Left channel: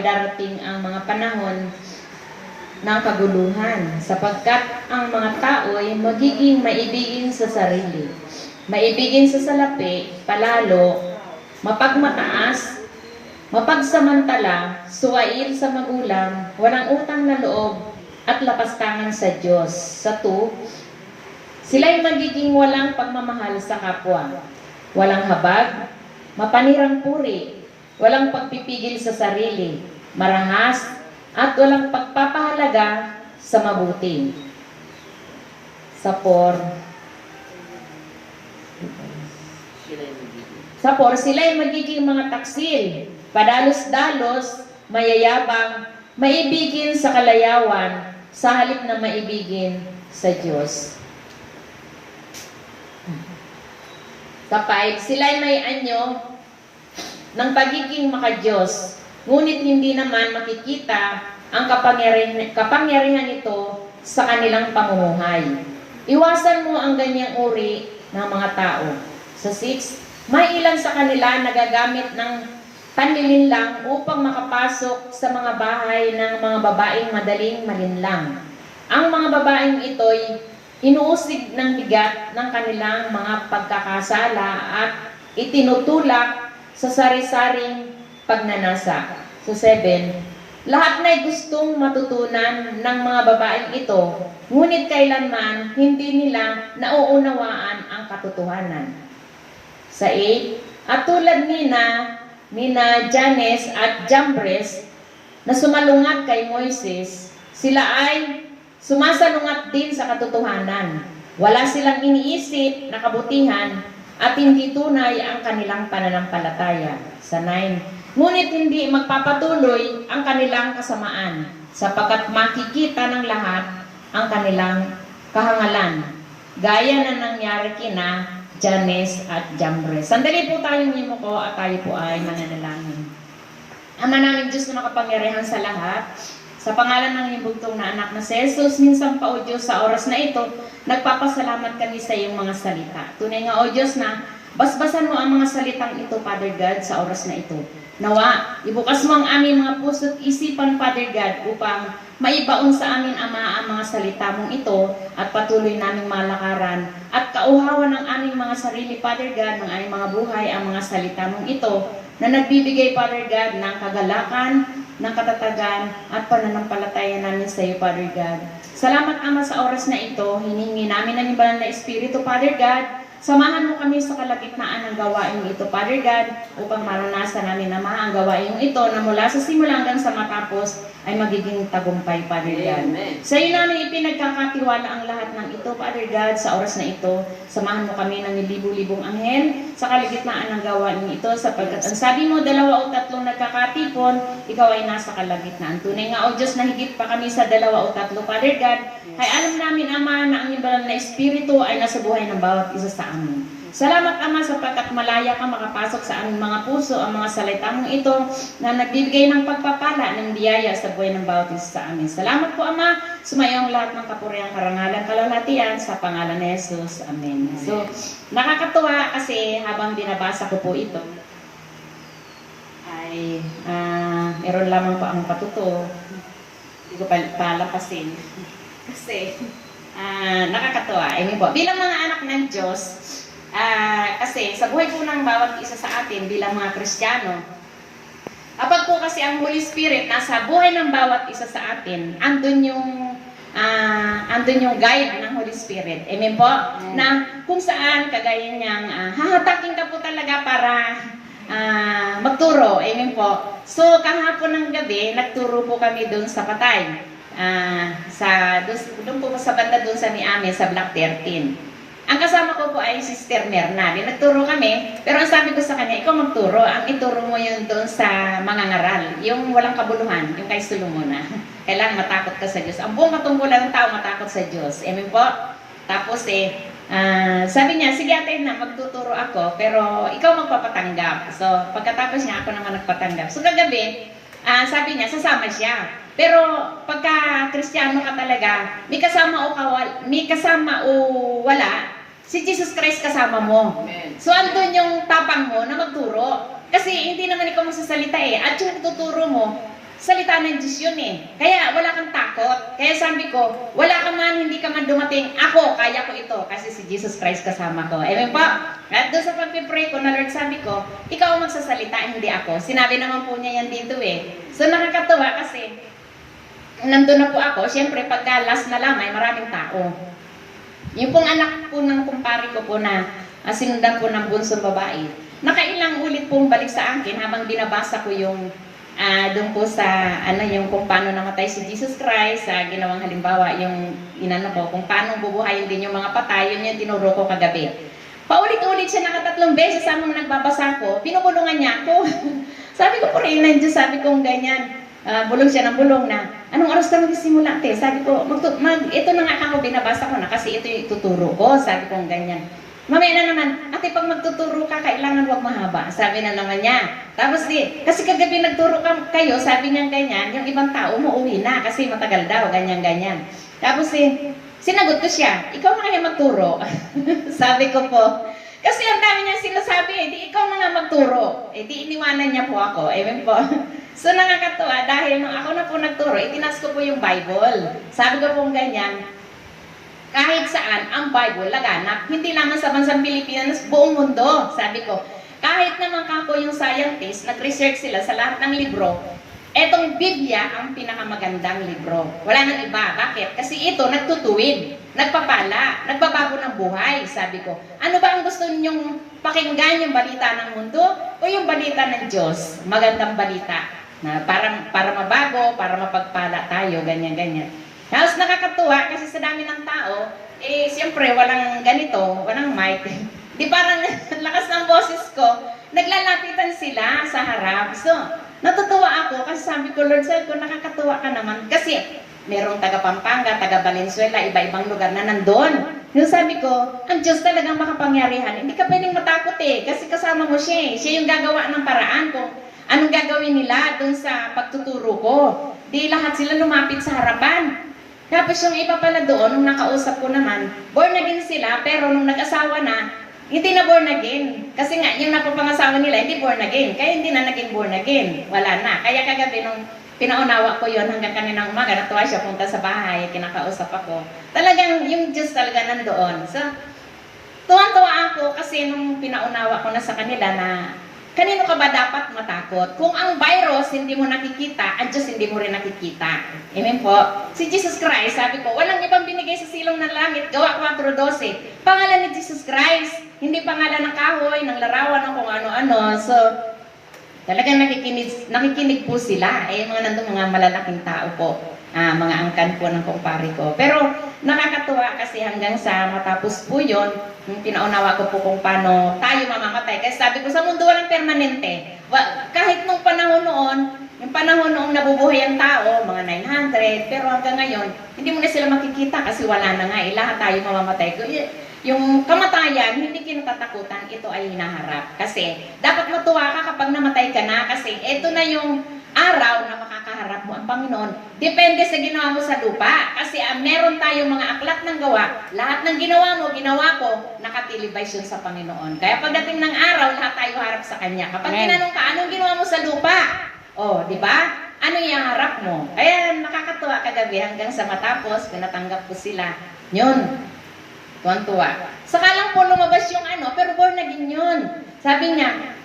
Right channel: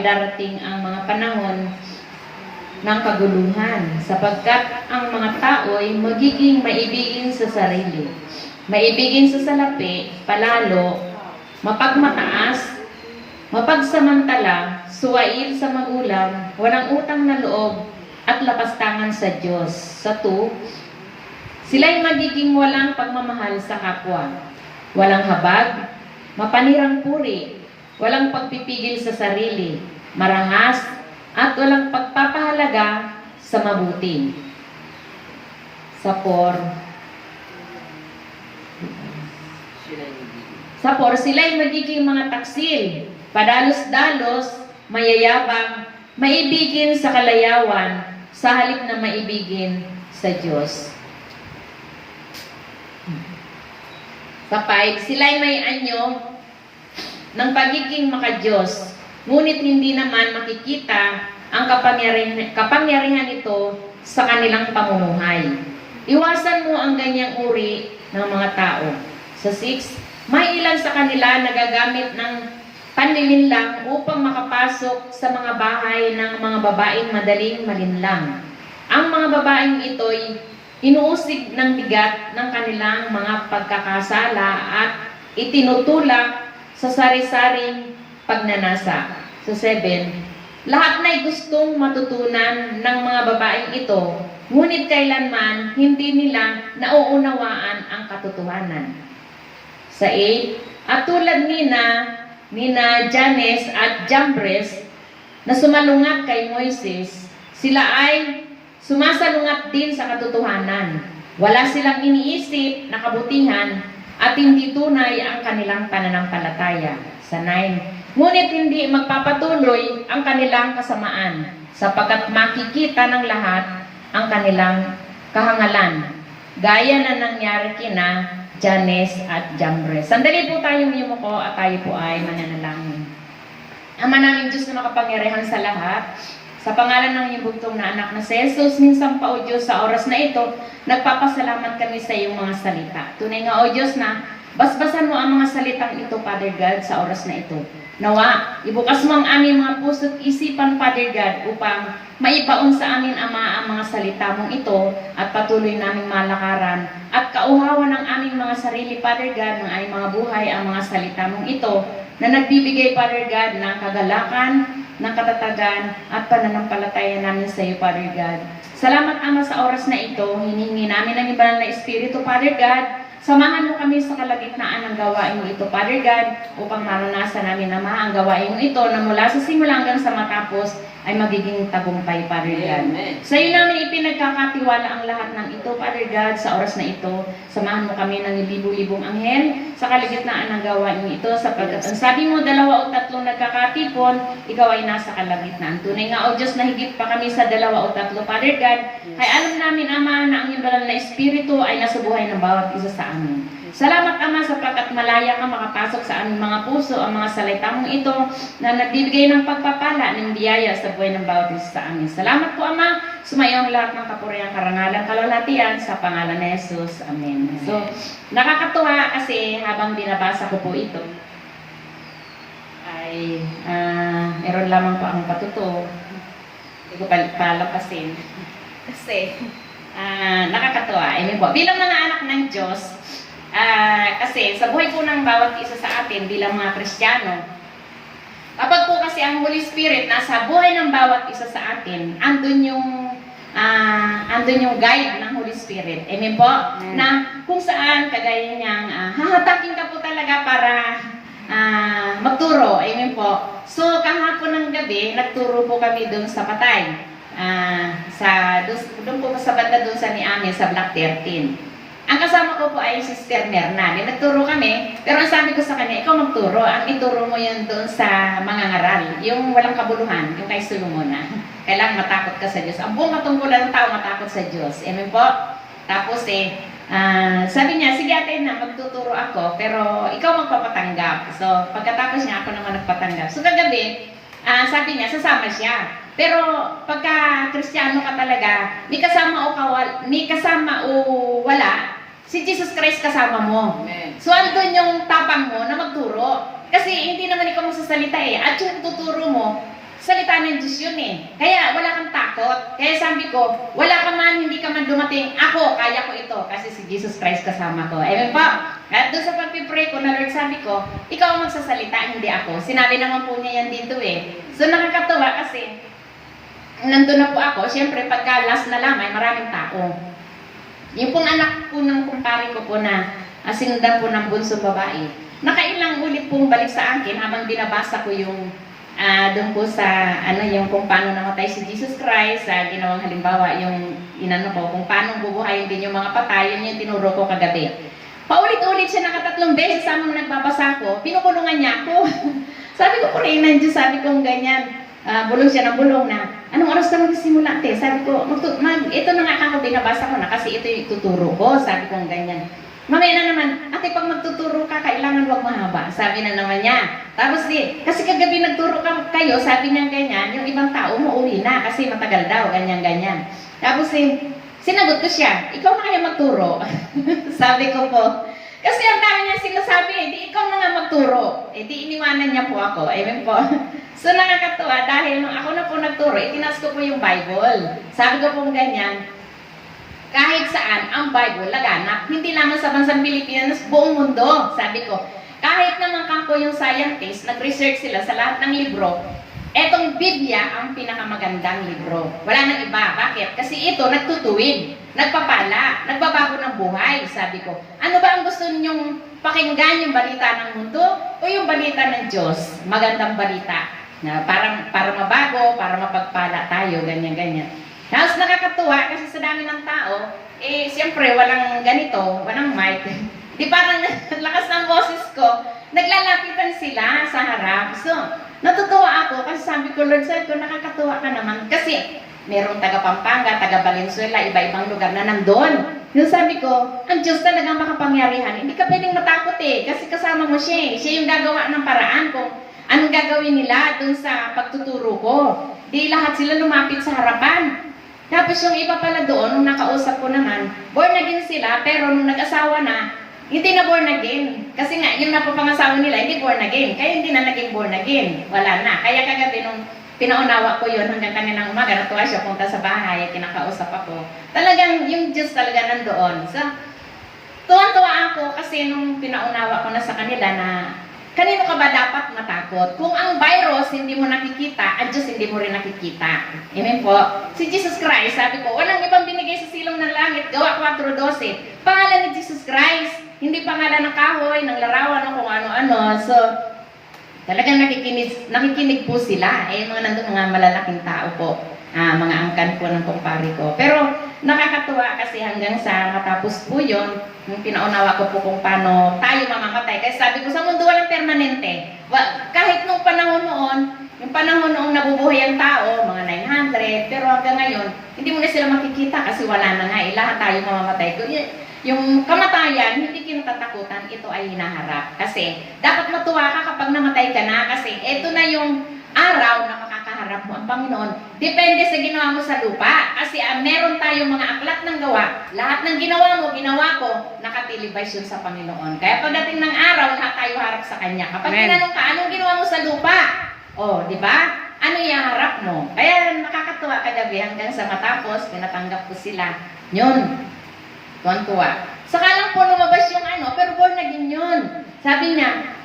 ay darating ang mga panahon ng kaguluhan, sapagkat ang mga tao ay magiging maibigin sa sarili, maibigin sa salapi, palalo, mapagmataas, mapagsamantala, suwail sa magulang, walang utang na loob, at lapastangan sa Diyos. Sa 2, sila'y magiging walang pagmamahal sa kapwa, walang habag, mapanirang puri, walang pagpipigil sa sarili, marahas, at walang pagpapahalaga sa mabuti. Sa 4, sila'y magiging mga taksil, padalos-dalos, mayayabang, maibigin sa kalayawan, sa halip na maibigin sa Diyos. Sa 5, sila'y may anyo ng pagiging makadiyos, ngunit hindi naman makikita ang kapangyarihan nito sa kanilang pamumuhay. Iwasan mo ang ganyang uri ng mga tao. Sa 6, may ilan sa kanila nagagamit ng panlilinlang upang makapasok sa mga bahay ng mga babaeng madaling malinlang. Ang mga babaeng ito'y inuusig ng bigat ng kanilang mga pagkakasala at itinutulak sa sari-saring pagnanasa. Sa 7, lahat na'y gustong matutunan ng mga babaeng ito, ngunit kailanman hindi nila nauunawaan ang katotohanan. Sa 8, at tulad nina Janes at Jambres na sumalungat kay Moises, sila ay sumasalungat din sa katotohanan. Wala silang iniisip na kabutihan at hindi tunay ang kanilang pananampalataya. Sa 9, ngunit hindi magpapatuloy ang kanilang kasamaan, sapagkat makikita ng lahat ang kanilang kahangalan, gaya na nangyari kina Janes at Jambres. Sandali po tayong yumuko at tayo po ay mananalangin. Ama namin Diyos na makapangyarihan sa lahat, sa pangalan ng iyong bugtong na anak na si Jesus, minsan pa o Diyos sa oras na ito, nagpapasalamat kami sa iyong mga salita. Tunay nga o Diyos na basbasan mo ang mga salitang ito, Father God, sa oras na ito. Nawa, ibukas mo ang aming mga puso't isipan, Father God, upang maibaon sa amin, Ama, ang mga salita mong ito at patuloy naming malakaran at kauhawan ng aming mga sarili, Father God, ng aming mga buhay, ang mga salita mong ito na nagbibigay, Father God, ng kagalakan, ng katatagan at pananampalataya namin sa iyo, Father God. Salamat, Ama, sa oras na ito. Hinihingi namin ang banal na Espiritu, Father God. Samahan mo kami sa kalagitnaan ng gawain mo ito, Father God, upang maranasan namin, Ama, ang gawain mo ito na mula sa simula hanggang sa matapos ay magiging tagumpay, Father God. Amen. Sa iyo namin ipinagkakatiwala ang lahat ng ito, Father God, sa oras na ito. Samahan mo kami ng libu-libong anghel sa kalagitnaan ng gawain mo ito, sapagkat ang sabi mo, 2 o 3 nagkakatipon, ikaw ay nasa kalagitnaan. Tunay nga, O Diyos, na higit pa kami sa 2 o 3, Father God, ay alam namin, Ama, na ang iyong banal na Espiritu ay nasa buhay ng bawat isa sa amin. Salamat, Ama, sapagkat malaya ka makapasok sa aming mga puso ang mga salita mong ito na nagbibigay ng pagpapala ng biyaya sa buhay ng bawat isa sa amin. Salamat po, Ama. Sumayo ang lahat ng kapurihan, karangalan, kalwalhatian sa pangalan ni Jesus. Amen. So, nakakatuwa kasi habang binabasa ko po ito, ay meron lamang po ang patuto. Hindi ko palapasin. Kasi, nakakatuwa. Amen po. Bilang mga anak ng Diyos, kasi sa buhay po ng bawat isa sa atin bilang mga Kristiyano, kapag po kasi ang Holy Spirit nasa buhay ng bawat isa sa atin, andun yung guide ng Holy Spirit. Amen po? Amen. Na kung saan kagaya niyang hahatakin ka po talaga para magturo. Amen po? So kahapon ng gabi, nagturo po kami doon sa Patay. Doon po sa banda doon sa Miami, sa Block 13. Ang kasama ko po ay Sister Merna. Nagturo kami, pero ang sabi ko sa kanya, ikaw magturo. Ang ituro mo yun doon sa mga ngaral. Yung walang kabuluhan, yung kay Solomona. Kailangan matakot ka sa Diyos. Ang buong matungkulan ng tao matakot sa Diyos. Amen po? Tapos sabi niya, sige ate na, magtuturo ako, pero ikaw magpapatanggap. So, pagkatapos niya, ako naman nagpatanggap. So, kagabi, sabi niya, sasama siya. Pero pagka Kristiyano ka talaga, may kasama o wala, si Jesus Christ kasama mo. Amen. So andun yung tapang mo na magturo. Kasi hindi naman ikaw magsasalita eh. At yung tuturo mo, salita ng Diyos yun eh. Kaya wala kang takot. Kaya sabi ko, wala ka man, hindi ka man dumating, ako, kaya ko ito. Kasi si Jesus Christ kasama ko. Amen po. At doon sa pag-pray ko na Lord, sabi ko, ikaw ang magsasalita, hindi ako. Sinabi naman po niya yan dito eh. So nakakatuwa kasi, nandun na po ako, siyempre pagka last na lamay, maraming tao. Yung pong anak po ng kumpare ko po na sinundan po ng bunsong babae, nakailang ulit pong balik sa akin habang binabasa ko yung doon po sa yung kung paano namatay si Jesus Christ, ginawang halimbawa yung inano ko, kung paano bubuhayin din yung mga patay, yun yung tinuro ko kagabi. Paulit-ulit siya nakatatlong beses samang nagbabasa ko, pinubulungan niya ako. Sabi ko po rin ng Diyos, sabi kong ganyan, bulong siya ng bulong na, anong oras ka magsimula, te? Sabi ko, ito na nga ako, binabasa ko na kasi ito yung tuturo ko, sabi kong ganyan. Mamaya na naman, ate, pag magtuturo ka, kailangan wag mahaba. Sabi na naman niya. Tapos kasi kagabi nagturo kayo, sabi niya ganyan, yung ibang tao umuwi na kasi matagal daw, ganyan-ganyan. Tapos sinagot ko siya, ikaw na kaya magturo? Sabi ko po, kasi ang dami niya sinasabi, di ikaw na nga magturo. Di iniwanan niya po ako. Amen po. So nakakatuwa, dahil nung ako na po nagturo, itinas ko po yung Bible. Sabi ko po ganyan, kahit saan ang Bible laganap, hindi lamang sa bansang Pilipinas, buong mundo. Sabi ko, kahit naman kako yung scientist, nag-research sila sa lahat ng libro, etong Biblia ang pinakamagandang libro. Wala nang iba. Bakit? Kasi ito nagtutuwid, nagpapala, nagbabago ng buhay. Sabi ko, ano ba ang gusto ninyong pakinggan, yung balita ng mundo o yung balita ng Diyos? Magandang balita na para mabago, para mapagpala tayo, ganyan-ganyan. Tapos nakakatuwa kasi sa dami ng tao, siyempre walang ganito, walang mic. Di parang lakas ng boses ko, naglalapitan sila sa harap. So, natutuwa ako kasi sabi ko, Lord, sabi ko, nakakatuwa ka naman. Kasi merong taga Pampanga, taga Valenzuela, iba-ibang lugar na nandun. Yung sabi ko, ang Diyos talagang makapangyarihan. Hindi ka pwedeng matakot kasi kasama mo siya. Siya yung gagawa ng paraan kung anong gagawin nila dun sa pagtuturo ko. Di lahat sila lumapit sa harapan. Tapos yung iba pala doon, nung nakausap ko naman, born again sila, pero nung nag-asawa na, hindi na born again. Kasi nga, yung napapangasawa nila, hindi born again. Kaya hindi na naging born again. Wala na. Kaya kagabi nung pinaunawa ko yun hanggang kaninang umaga, natuwa siya punta sa bahay, kinakausap ako. Talagang yung Diyos talaga nandoon. So, tuwan-tuwa ako kasi nung pinaunawa ko na sa kanila na kanino ka ba dapat matakot? Kung ang virus hindi mo nakikita, ang Diyos hindi mo rin nakikita. Amen po. Si Jesus Christ, sabi ko, walang ibang binigay sa silong ng langit, gawa 4:12. Pangalan ni Jesus Christ, hindi pangalan ng kahoy, ng larawan, ng kung ano-ano. So, talagang nakikinig po sila. Mga nandun mga malalaking tao po. Mga angkan po ng kumpare ko. Pero nakakatuwa kasi hanggang sa matapos po yun, pinaunawa ko po kung paano tayo mamamatay. Kasi sabi ko, sa mundo walang permanente. Kahit nung panahon noon, yung panahon noong nabubuhay ang tao, mga 900, pero hanggang ngayon, hindi mo na sila makikita kasi wala na nga. Lahat tayo mamamatay. Yung kamatayan, hindi kinatatakutan, ito ay hinaharap. Kasi dapat matuwa ka kapag namatay ka na kasi ito na yung araw na makakaharap mo ang Panginoon. Depende sa ginawa mo sa lupa. Kasi meron tayong mga aklat ng gawa. Lahat ng ginawa mo, ginawa ko, nakatilibay yun sa Panginoon. Kaya pagdating ng araw, lahat tayo harap sa Kanya. Kapag tinanong ka, anong ginawa mo sa lupa? Di ba? Ano yung harap mo? Kaya nakakatuwa kagabi hanggang sa matapos, pinatanggap ko sila. Yun. Tuwan-tuwa. Saka lang po lumabas yung pero born again yun. Sabi niya,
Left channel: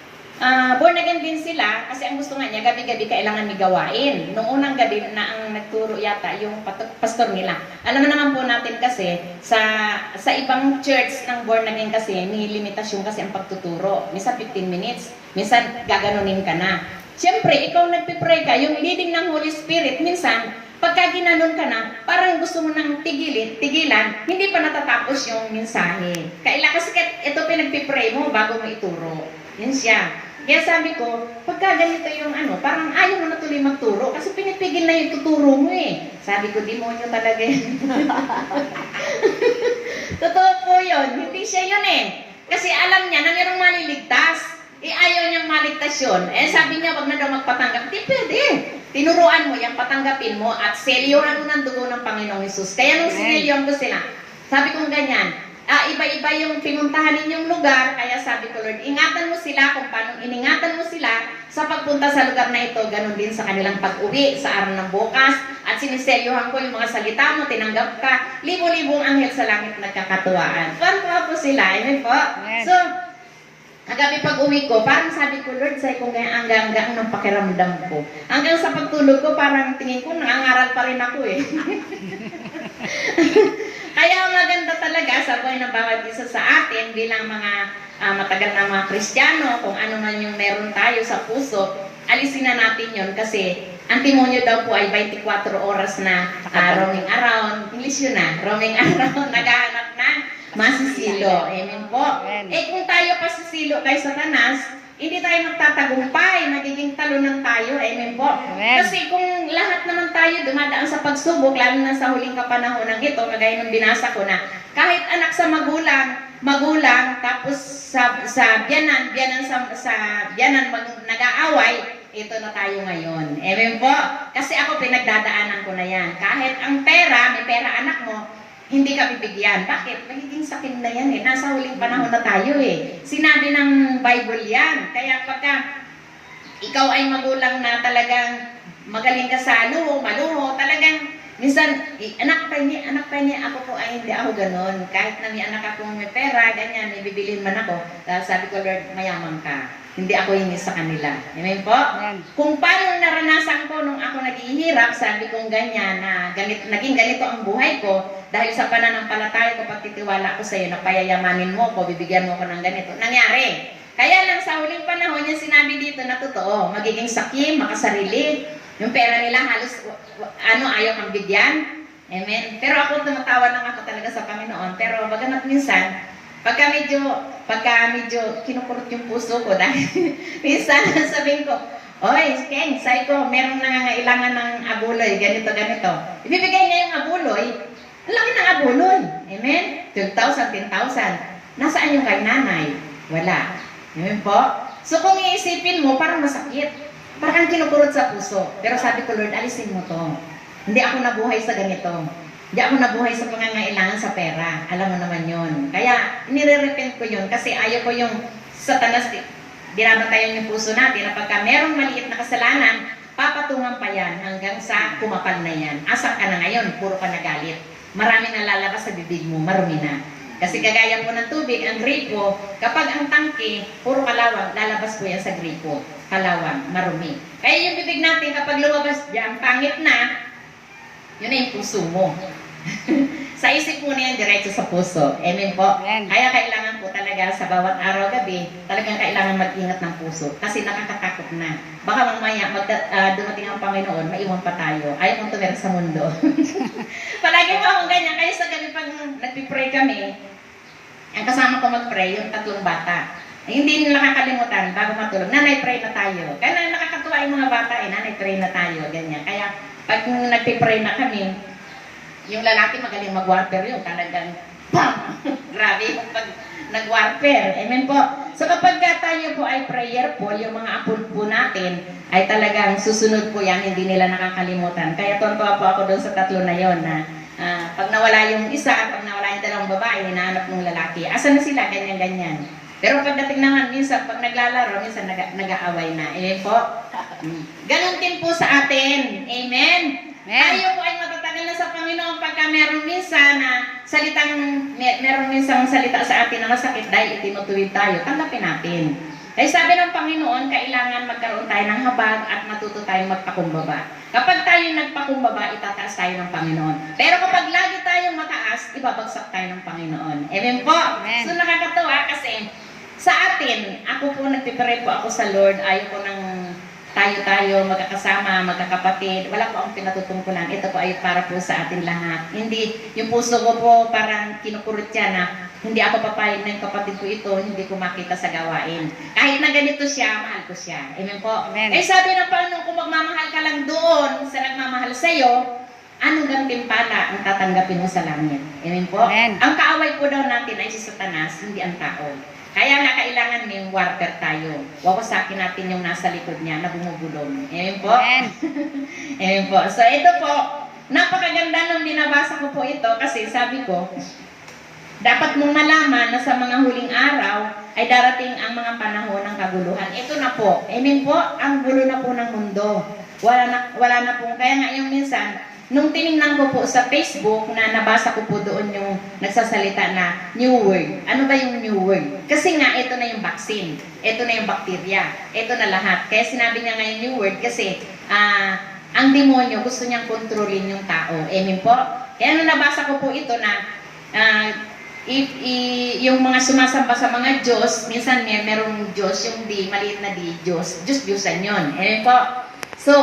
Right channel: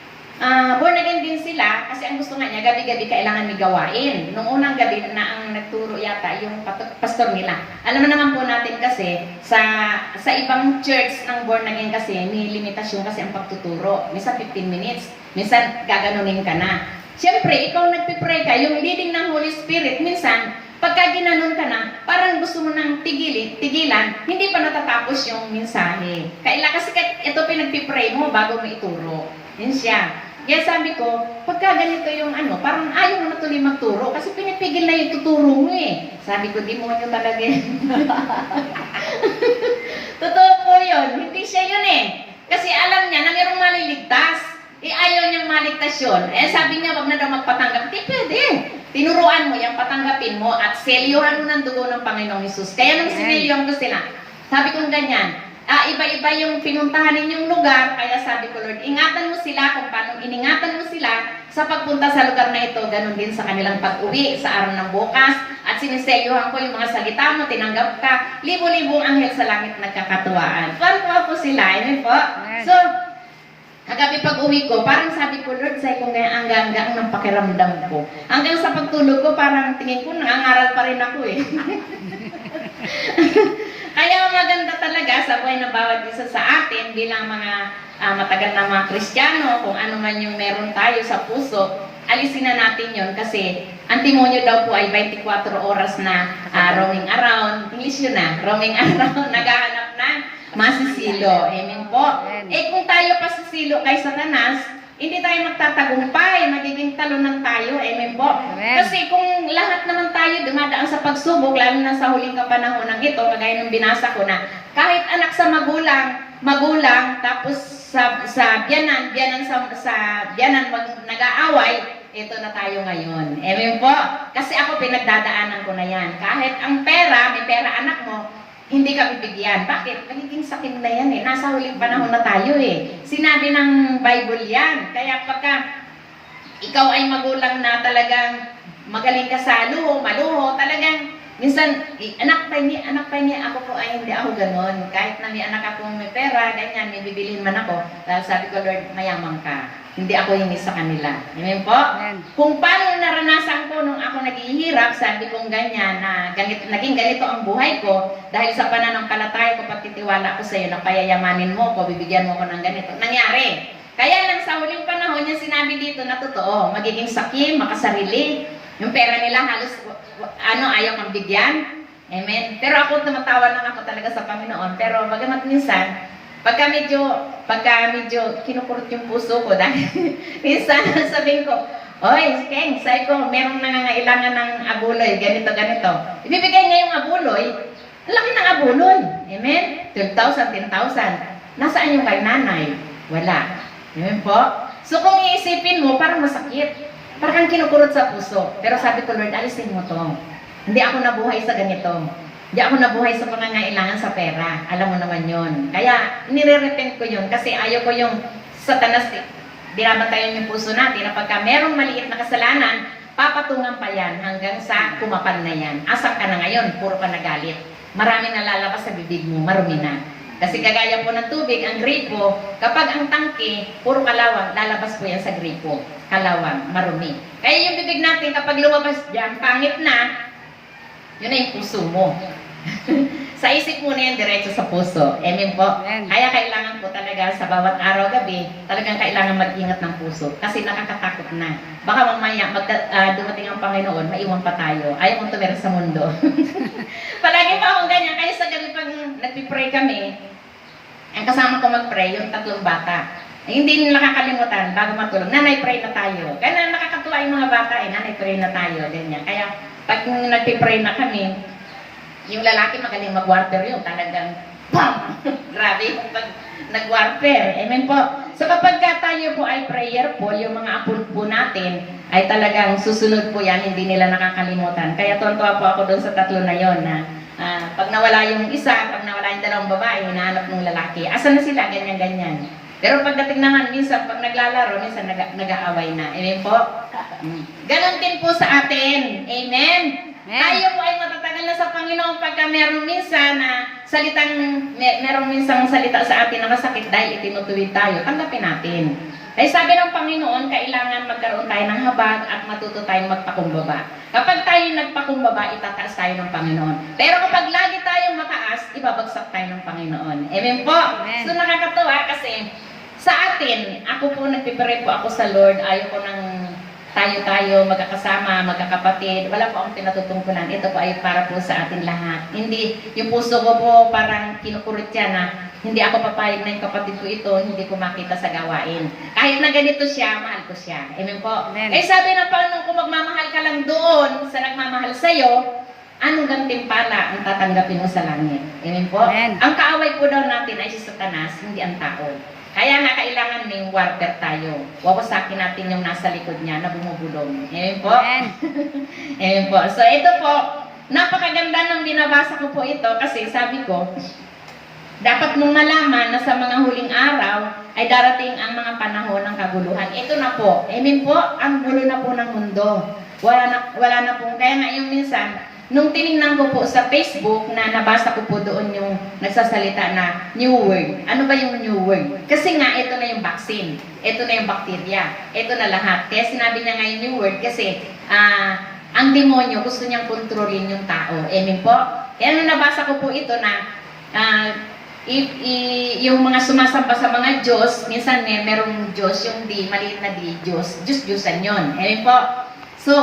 born again din sila kasi ang gusto nga niya, gabi-gabi kailangan may gawain. Nung unang gabi na ang nagturo yata yung pastor nila. Alam mo naman po natin kasi, sa ibang church ng born again kasi, may limitasyon kasi ang pagtuturo. Minsan 15 minutes, minsan gaganunin ka na. Siyempre, ikaw nagpipray ka, yung leading ng Holy Spirit, minsan, pagka ginanon ka na, parang gusto mo nang tigilan, hindi pa natatapos yung mensahe. Kasi ito pinagpipray mo bago mo ituro. Yun siya. Kaya sabi ko, pagka ganito yung parang ayaw mo na tuloy magturo kasi pinipigil na yung tuturo mo Sabi ko, demonyo talaga yun. Totoo po yun. Hindi siya yun Kasi alam niya na mayroong maliligtas. Ayaw niyang maligtas yun. Sabi niya, wag na daw magpatanggap. Hindi pwede. Tinuruan mo, yung patanggapin mo at selyuhan mo ng dugo ng Panginoong Hesus. Kaya nung sinilyon ko sila, sabi kong ganyan, iba-iba yung pinuntahan ninyong lugar, kaya sabi ko, Lord, ingatan mo sila kung paano iningatan mo sila sa pagpunta sa lugar na ito, ganun din sa kanilang pag-uwi sa araw ng bukas, at siniselyuhan ko yung mga salita mo, tinanggap ka, libo-libong anghel sa langit nagkakatuwaan. Tuwan-tuwa po sila, amen po. So, kagabi pag-uwi ko, parang sabi ko, Lord, sa'yo kung kaya hanggang ng pakiramdam ko. Hanggang sa pagtulog ko, parang tingin ko, nangangaral pa rin ako eh. Kaya maganda talaga sa buhay ng bawat isa sa atin bilang mga matagal na mga Kristiyano, kung ano man yung meron tayo sa puso, alisin na natin yon kasi ang timonyo daw po ay 24 oras na roaming around. English yun na, roaming around, naghahanap ng masisilo. Amen po. Kung tayo pasisilo kay Satanas, hindi tayo magtatagumpay, magiging talunan tayo, amen po. Kasi kung lahat naman tayo dumadaan sa pagsubok, lalo na sa huling kapanahon ng ito, kagaya ng binasa ko na, kahit anak sa magulang, tapos sa biyanan sa biyanan nag-aaway, ito na tayo ngayon. Amen po. Kasi ako pinagdadaanan ko na yan. Kahit ang pera, may pera anak mo, hindi ka bibigyan. Bakit? Magiging sakit na yan eh. Nasa huling panahon na tayo eh. Sinabi ng Bible yan. Kaya pagka ikaw ay magulang na talagang magaling ka sa maluho, talagang minsan, anak pa niya, ako po ay hindi ako ganon. Kahit na may anak akong may pera, ganyan, may bibilhin man ako. Dahil sabi ko, Lord, mayaman ka. Hindi ako hingi sa kanila. Amen po? Amen. Kung paano naranasan ko nung ako naghihirap, sabi kong ganyan, na naging ganito ang buhay ko, dahil sa pananampalataya ko, pagtitiwala ko sa iyo, na payayamanin mo ko, bibigyan mo ko ng ganito. Nangyari. Kaya lang sa huling panahon, yung sinabi dito na totoo, magiging sakim, makasarili, yung pera nila halos, ayaw kang bigyan. Amen. Pero ako, tumatawa lang ako talaga sa Panginoon. Pero bagamat minsan, pagka medyo kinukurot yung puso ko dahil minsan sabihin ko, oy, Ken, sabi ko, merong nangangailangan ng abuloy, ganito. Ibibigay niya yung abuloy, laki ng abuloy. Amen? 12,000, 10,000. Nasaan yung kay nanay? Wala. Amen po? So kung iisipin mo, parang masakit. Parang kinukurot sa puso. Pero sabi ko, Lord, alisin mo to. Hindi ako nabuhay sa ganito. Hindi ako nabuhay sa pangangailangan sa pera. Alam mo naman yon. Kaya, nire-repent ko yun kasi ayaw ko yung Satanas, binabantayan yung puso natin na pagka merong maliit na kasalanan, papatungan pa yan hanggang sa kumapal na yan. Asan ka na ngayon? Puro ka nagalit. Marami na lalabas sa bibig mo, marumi na. Kasi kagaya po ng tubig, ang gripo, kapag ang tangke, puro kalawang, lalabas po yan sa gripo. Kalawang, marumi. Kaya yung bibig natin, kapag lumabas dyan, pangit na, yun na yung puso mo. Sa isip mo na yan, diretso sa puso. Amen po? Amen. Kaya kailangan po talaga sa bawat araw-gabi, talagang kailangan mag-ingat ng puso. Kasi nakakatakot na. Baka mamaya, dumating ang Panginoon, maiwan pa tayo. Ayaw mong tumira sa mundo. Palagi pa akong ganyan. Kaya sa gabi pag nagpipray kami, ang kasama ko mag-pray, yung 3 bata. Hindi nila nakakalimutan bago matulog. Nanay, pray na tayo. Kaya nakakatuwa yung mga bata nanay, pray na tayo. Ganyan. Kaya pag nagpipray na kami, yung lalaki magaling mag-warfare yun. Talagang, bam! Grabe pag nag-warfare. Amen po. So kapag tayo po ay prayerful, yung mga apo po natin ay talagang susunod po yan, hindi nila nakakalimutan. Kaya tontuwa po ako doon sa 3 na yon na pag nawala yung isa, pag nawala yung 2 babae, hinahanap ng lalaki. Asan na sila? Ganyan-ganyan. Pero pagdating naman, minsan pag naglalaro, minsan nag-aaway na. Amen po? Ganon din po sa atin. Amen? Tayo po ay matatagal na sa Panginoon pagka merong minsan na merong minsang salita sa atin na masakit dahil itinutuwid tayo, tanggapin natin. Dahil sabi ng Panginoon, kailangan magkaroon tayo ng habag at matuto tayong magpakumbaba. Kapag tayo nagpakumbaba, itataas tayo ng Panginoon. Pero kapag lagi tayong mataas, ibabagsak tayo ng Panginoon. Amen po? Amen. So nakakatawa kasi sa atin, ako po nagpipray po ako sa Lord, ayaw ko ng tayo magkakasama, magkakapatid. Wala po akong pinatutungkulan. Ito po ay para po sa atin lahat. Hindi, yung puso ko po parang kinukurot siya na hindi ako papayag na yung kapatid ko ito, hindi ko makita sa gawain. Kahit na ganito siya, mahal ko siya. Amen po? Amen. Eh sabi na paano kung magmamahal ka lang doon sa nagmamahal sa'yo, anong gantimpala ang tatanggapin mo sa langit? Amen po? Amen. Ang kaaway po daw natin ay si Satanas, hindi ang tao. Kaya nga kailangan may warfare tayo. Wawasakin natin yung nasa likod niya na bumubulong. Amen po? Amen. Amen po. So ito po, napakaganda nung binabasa ko po ito kasi sabi ko, dapat mong malaman na sa mga huling araw ay darating ang mga panahon ng kaguluhan. Ito na po. Amen po, ang gulo na po ng mundo. Wala na po. Kaya nga yung minsan, nung tinignan ko po sa Facebook na nabasa ko po doon yung nagsasalita na new word. Ano ba yung new word? Kasi nga, ito na yung vaccine. Ito na yung bacteria. Ito na lahat. Kaya sinabi niya ngayon new word kasi ang demonyo gusto niyang kontrolin yung tao. Amen po? Kaya nung nabasa ko po ito na yung mga sumasamba sa mga Diyos, minsan merong Diyos, yung maliit na Diyos. Diyos-Diyosan yun. Amen po? So,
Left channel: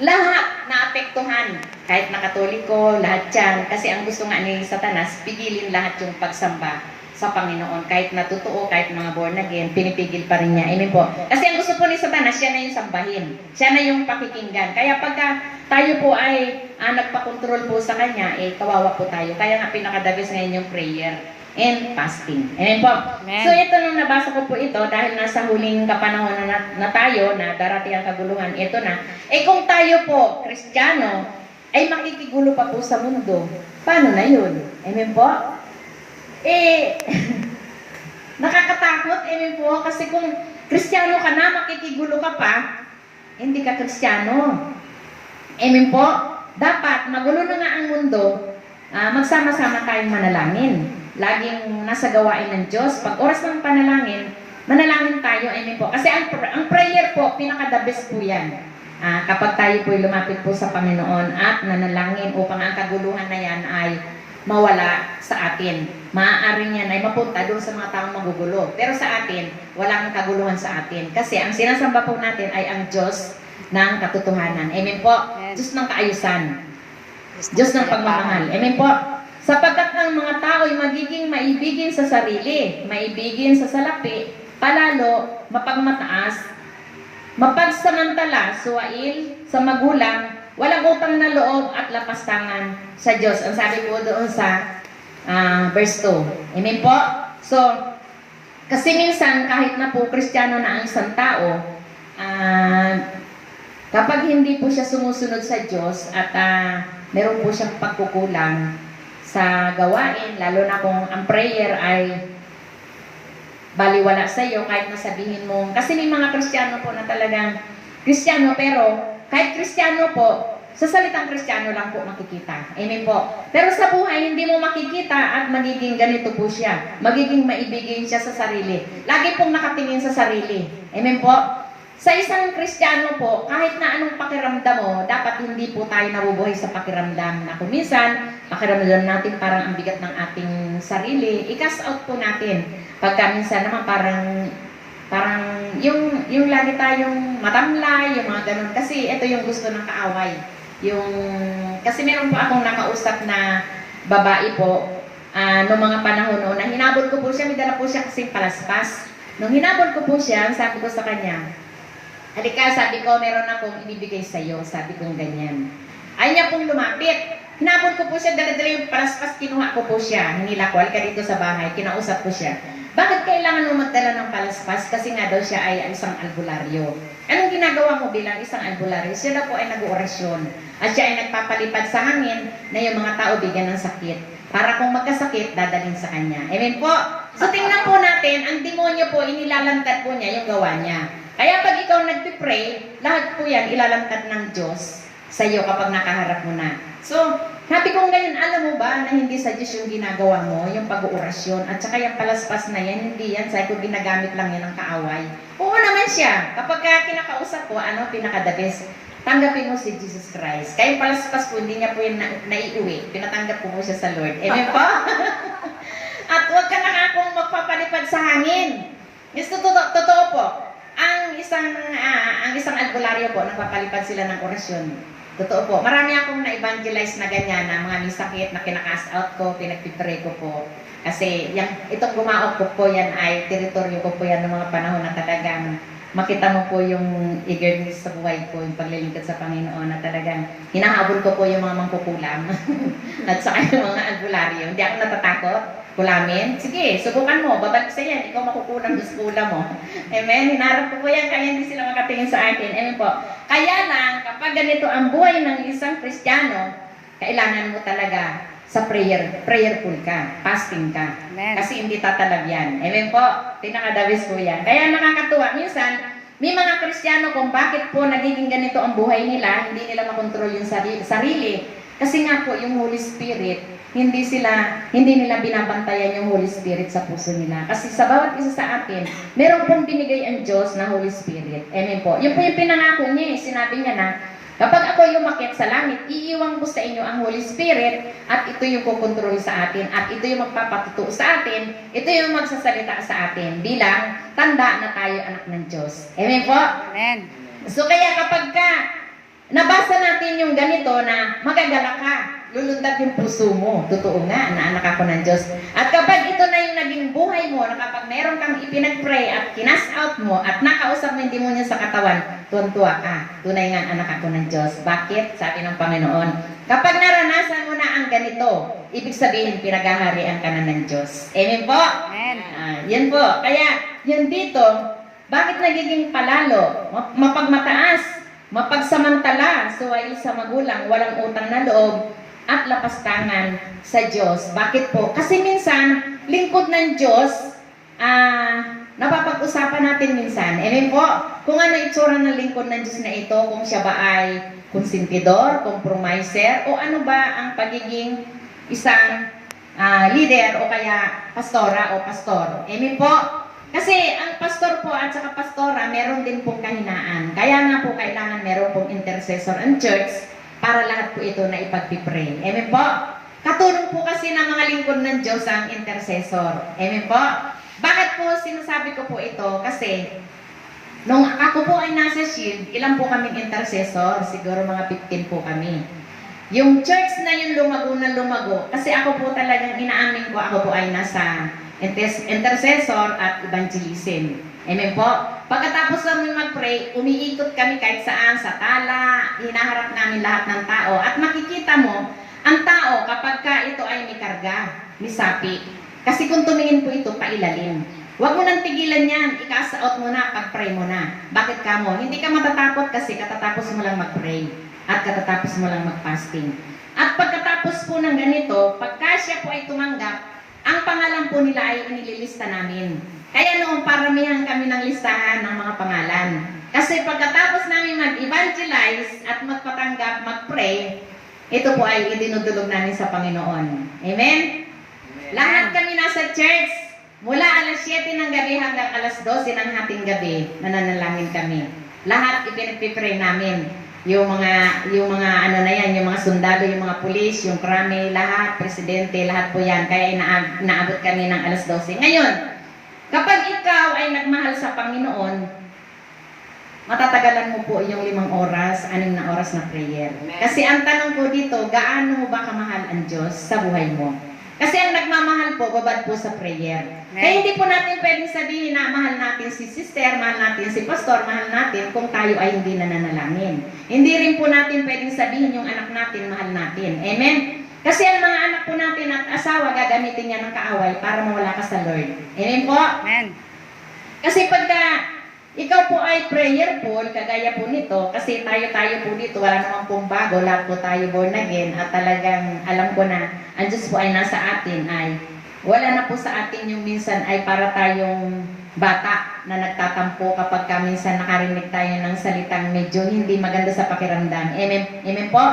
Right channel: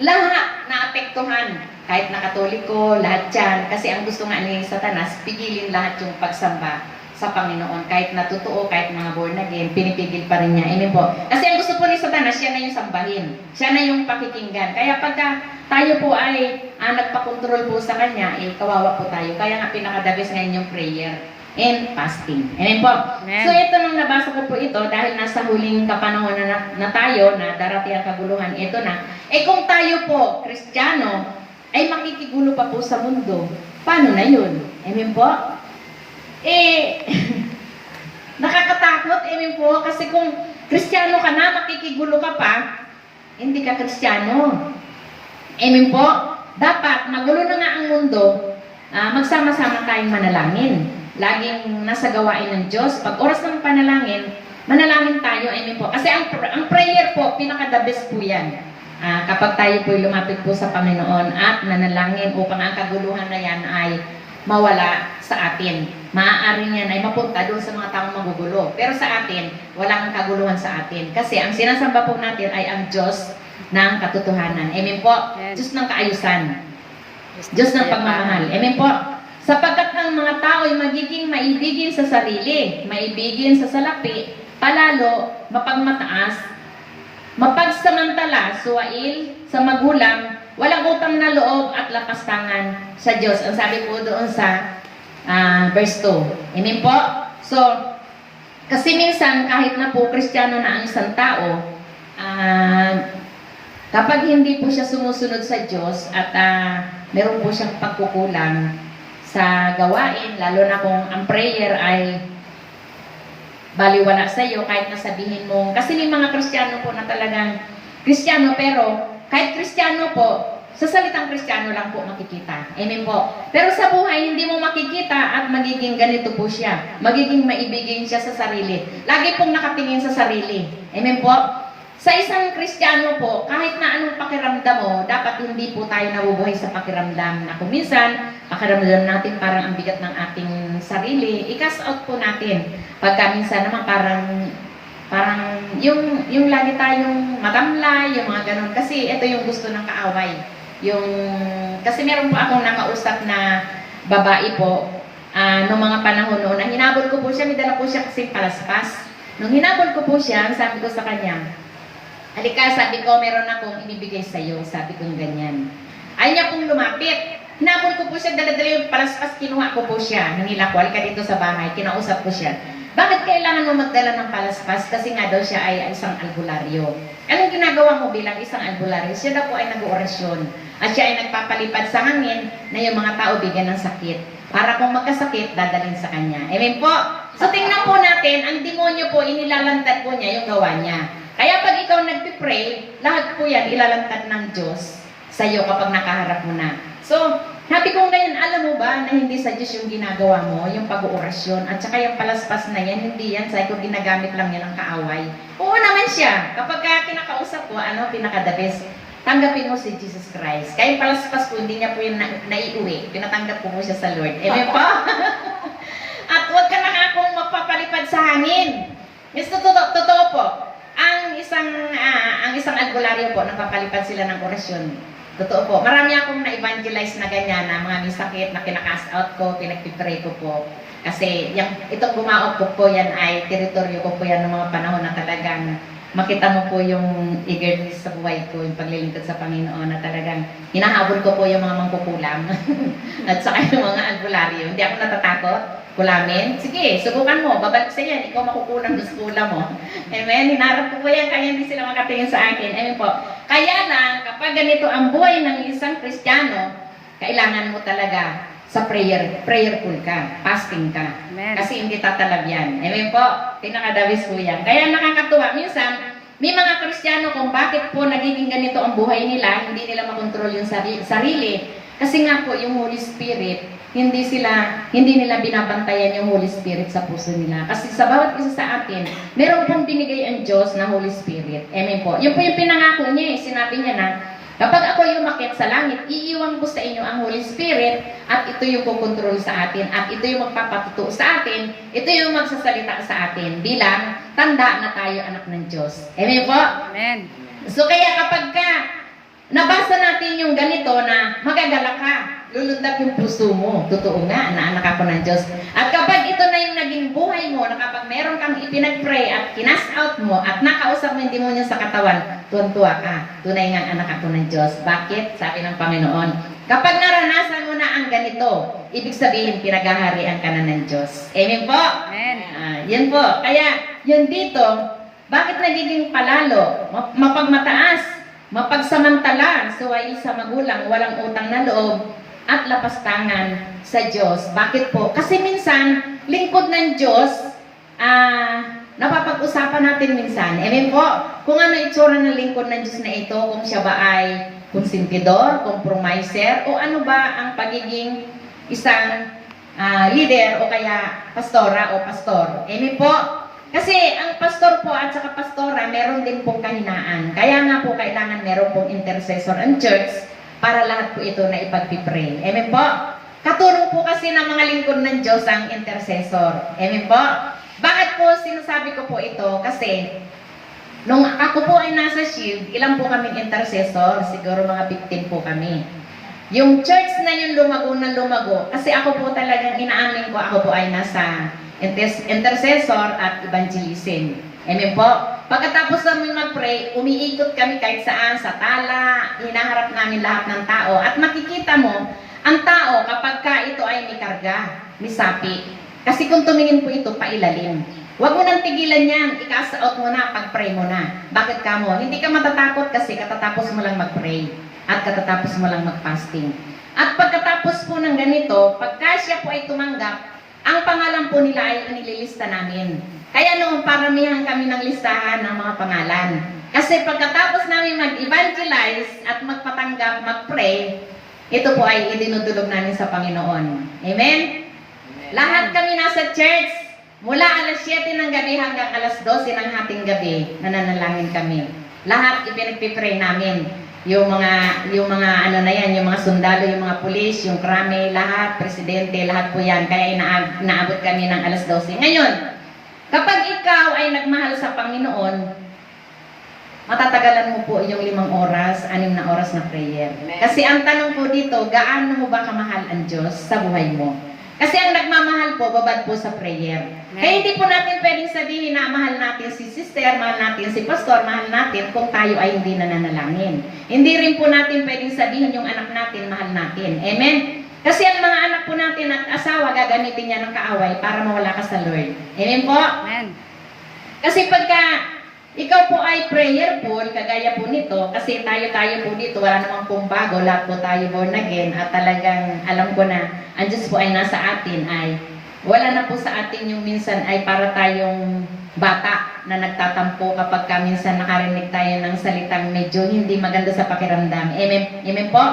lahat na apektuhan, kahit na Katoliko, lahat yan. Kasi ang gusto nga ni Satanas, pigilin lahat yung pagsamba sa Panginoon. Kahit na totoo, kahit mga born again, pinipigil pa rin niya. Amen po. Kasi ang gusto po ni Satanas, siya na yung sambahin. Siya na yung pakikinggan. Kaya pagka tayo po ay nagpakontrol po sa kanya, kawawa po tayo. Kaya nga pinakadabis ngayon yung prayer and fasting. Amen po. Amen. So ito nung nabasa ko po ito, dahil nasa huling kapanahon na tayo, na darating ang kaguluhan, ito na. Kung tayo po, Kristiyano, ay makikigulo pa po sa mundo, paano na yun? Amen po? Nakakatakot, amen po, kasi kung Kristiyano ka na, makikigulo ka pa, hindi ka Kristiyano. Amen po? Dapat, magulo na nga ang mundo, magsama-sama tayong manalangin. Laging nasa gawain ng Diyos. Pag oras ng panalangin, manalangin tayo, amen po. Kasi ang prayer po, pinaka-the best po yan. Kapag tayo po lumapit po sa Panginoon at nanalangin upang ang kaguluhan na yan ay mawala sa atin. Maaari yan ay mapunta doon sa mga taong magugulo. Pero sa atin, walang kaguluhan sa atin. Kasi ang sinasamba po natin ay ang Diyos ng katotohanan. Amen po. Diyos ng kaayusan. Diyos ng pagmamahal. Amen po. Sapagkat ang mga tao ay magiging maibigin sa sarili, maibigin sa salapi, palalo, mapagmataas, mapagsamantala, suwail, sa magulang, walang utang na loob at lapastangan sa Diyos. Ang sabi po doon sa verse 2. Amen po? So, kasi minsan kahit na po Kristiyano na ang isang tao, kapag hindi po siya sumusunod sa Diyos at meron po siyang pagkukulang sa gawain, lalo na kung ang prayer ay baliwala sa iyo, kahit nasabihin mo, kasi may mga Kristiyano po na talagang Kristiyano, pero kahit Kristiyano po, sa salitang Kristiyano lang po makikita. Amen po. Pero sa buhay, hindi mo makikita at magiging ganito po siya. Magiging maibigin siya sa sarili. Lagi pong nakatingin sa sarili. Amen po. Sa isang Kristiyano po, kahit na anong pakiramdam mo, dapat hindi po tayo nabubuhay sa pakiramdam na kung minsan, pakiramdam natin parang ang bigat ng ating sarili, i-cast out po natin. Pagka minsan naman parang yung lagi tayong matamlay, yung mga ganun. Kasi ito yung gusto ng kaaway. Kasi meron po akong nakausap na babae po, noong mga panahon noon, nang hinabol ko po siya, may dala po siya kasing palaspas. Nung hinabol ko po siya, sabi ko sa kanya, halika, sabi ko, meron akong ibibigay sa'yo. Sabi ko ganyan. Ayaw niya pong lumapit. Hinabol ko po siya, dala-dala yung palaspas, kinuha ko po siya. Hinila ko, halika dito sa bahay, kinausap ko siya. Bakit kailangan mo magdala ng palaspas? Kasi nga daw siya ay isang albularyo. Anong ginagawa mo bilang isang albularyo? Siya daw po ay nag-orasyon. At siya ay nagpapalipad sa hangin na yung mga tao bigyan ng sakit. Para kung magkasakit, dadalhin sa kanya. Amen po? So tingnan po natin, ang demonyo po, inilalantad po niya yung gawa niya. Kaya pag ikaw nagpipray, lahat po yan ilalantad ng Diyos sa iyo kapag nakaharap mo na. So, happy kong ngayon, alam mo ba na hindi sa Diyos yung ginagawa mo, yung pag-uorasyon, at saka yung palaspas na yan, hindi yan, sa ikaw ginagamit lang yan ng kaaway. Oo naman siya. Kapag kinakausap ko, pinaka-the best, tanggapin mo si Jesus Christ. Kaya yung palaspas po, hindi niya po yung naiuwi. Pinatanggap po siya sa Lord. Amen po? At huwag ka na akong magpapalipad sa hangin. Yes, totoo po. Ang isang albularyo po, nagpapalipad sila ng orasyon. Totoo po. Marami akong na-evangelize na ganyan, na mga may sakit na kinaka-cast out ko, pinagpipray ko po. Kasi itong gumaok ko po yan ay teritoryo ko po yan ng mga panahon na talagang makita mo po yung eagerness sa buhay ko, yung paglilingkod sa Panginoon, na talagang hinahabol ko po yung mga mangkukulam at saka yung mga albularyo. Hindi ako natatakot. Kulamin? Sige, subukan mo. Babalik sa yan. Ikaw makukulang sa skula mo. Amen? Hinarap ko po yan, kaya hindi sila makatingin sa akin. Amen po. Kaya lang, kapag ganito ang buhay ng isang Kristiyano, kailangan mo talaga sa prayerful ka, fasting ka. Amen. Kasi hindi tatalab yan. Amen po, pinakadawis po yan. Kaya nakakatuwa, minsan, may mga Kristiyano kung bakit po nagiging ganito ang buhay nila, hindi nila makontrol yung sarili. Kasi nga po, yung Holy Spirit, hindi nila binabantayan yung Holy Spirit sa puso nila. Kasi sa bawat isa sa atin, meron pong binigay ang Diyos na Holy Spirit. Amen po. Yun po yung pinangako niya. Sinabi niya na, kapag ako yung umakyat sa langit, iiwan ko sa inyo ang Holy Spirit at ito yung kukontrol sa atin at ito yung magpapatuto sa atin, ito yung magsasalita sa atin bilang tanda na tayo anak ng Diyos. Amen po? Amen. So kaya kapag nabasa natin yung ganito na magagala ka, lulundag yung puso mo. Totoo nga na anak ako ng Diyos. At kapag ito na yung naging buhay mo, na kapag meron kang ipinag-pray at kinas out mo at nakausap mo yung demonyo sa katawan, tuwan-tuwa ka. Tunay nga anak ako ng Diyos. Bakit? Sabi ng Panginoon, kapag naranasan mo na ang ganito, ibig sabihin pinaghaharian ka na ng Diyos. Amen po? Amen. Yan po. Kaya, yan dito, bakit nagiging palalo? Mapagmataas, mapagsamantala, suway sa magulang, walang utang na loob, at lapastangan sa Diyos. Bakit po? Kasi minsan, lingkod ng Diyos, napapag-usapan natin minsan. Amen po? Kung ano itsura ng lingkod ng Diyos na ito, kung siya ba ay konsentidor, compromiser, o ano ba ang pagiging isang leader o kaya pastora o pastor. Amen po? Kasi ang pastor po at saka pastora, meron din pong kahinaan. Kaya nga po kailangan meron pong intercessor ang church para lahat po ito na ipagpipray. Amen po? Katulong po kasi ng mga lingkod ng Diyos ang intercessor. Amen po? Bakit po sinasabi ko po ito? Kasi nung ako po ay nasa Shield, ilan po kaming intercessor? Siguro mga 15 po kami. Yung church na yung lumago na lumago, kasi ako po talagang inaamin ko, ako po ay nasa intercessor at evangelism. Amen po? Pagkatapos namin mag-pray, umiikot kami kahit saan, sa tala, hinaharap namin lahat ng tao. At makikita mo, ang tao kapag ito ay may karga, may sapi. Kasi kung tumingin po ito, pailalim. Huwag mo nang tigilan yan, ika-out mo na, pag-pray mo na. Bakit ka mo? Hindi ka matatakot kasi katatapos mo lang mag-pray at katatapos mo lang mag-fasting. At pagkatapos po ng ganito, pagka siya po ay tumanggap, ang pangalan po nila ay inililista namin. Kaya noong paramihan kami ng listahan ng mga pangalan. Kasi pagkatapos namin mag-evangelize at magpatanggap, mag-pray, ito po ay idinudulog namin sa Panginoon. Amen? Lahat kami nasa church, mula alas 7 ng gabi hanggang alas 12 ng hating gabi, nananalangin kami. Lahat ipinagpipray namin. Yung mga ano na yan, yung mga sundalo, yung mga pulis, yung krame, lahat, presidente, lahat po yan. Kaya inaabot kami ng alas 12. Ngayon, kapag ikaw ay nagmahal sa Panginoon, matatagalan mo po yung 5 oras, 6 na oras na prayer. Kasi ang tanong po dito, gaano mo ba kamahal ang Diyos sa buhay mo? Kasi ang nagmamahal po, babad po sa prayer. Kaya hindi po natin pwedeng sabihin na mahal natin si sister, mahal natin si pastor, mahal natin kung tayo ay hindi nananalangin. Hindi rin po natin pwedeng sabihin yung anak natin, mahal natin. Amen? Kasi ang mga anak po natin at asawa, gagamitin niya ng kaaway para mawala ka sa Lord. Amen po? Amen. Kasi pagka ikaw po ay prayerful, kagaya po nito, kasi tayo po dito, wala namang pong bago, lahat po tayo born again, at talagang alam ko na, ang Diyos po ay nasa atin, ay wala na po sa atin yung minsan ay para tayong bata na nagtatampo kapag minsan nakarinig tayo ng salitang medyo hindi maganda sa pakiramdam. Amen, amen po?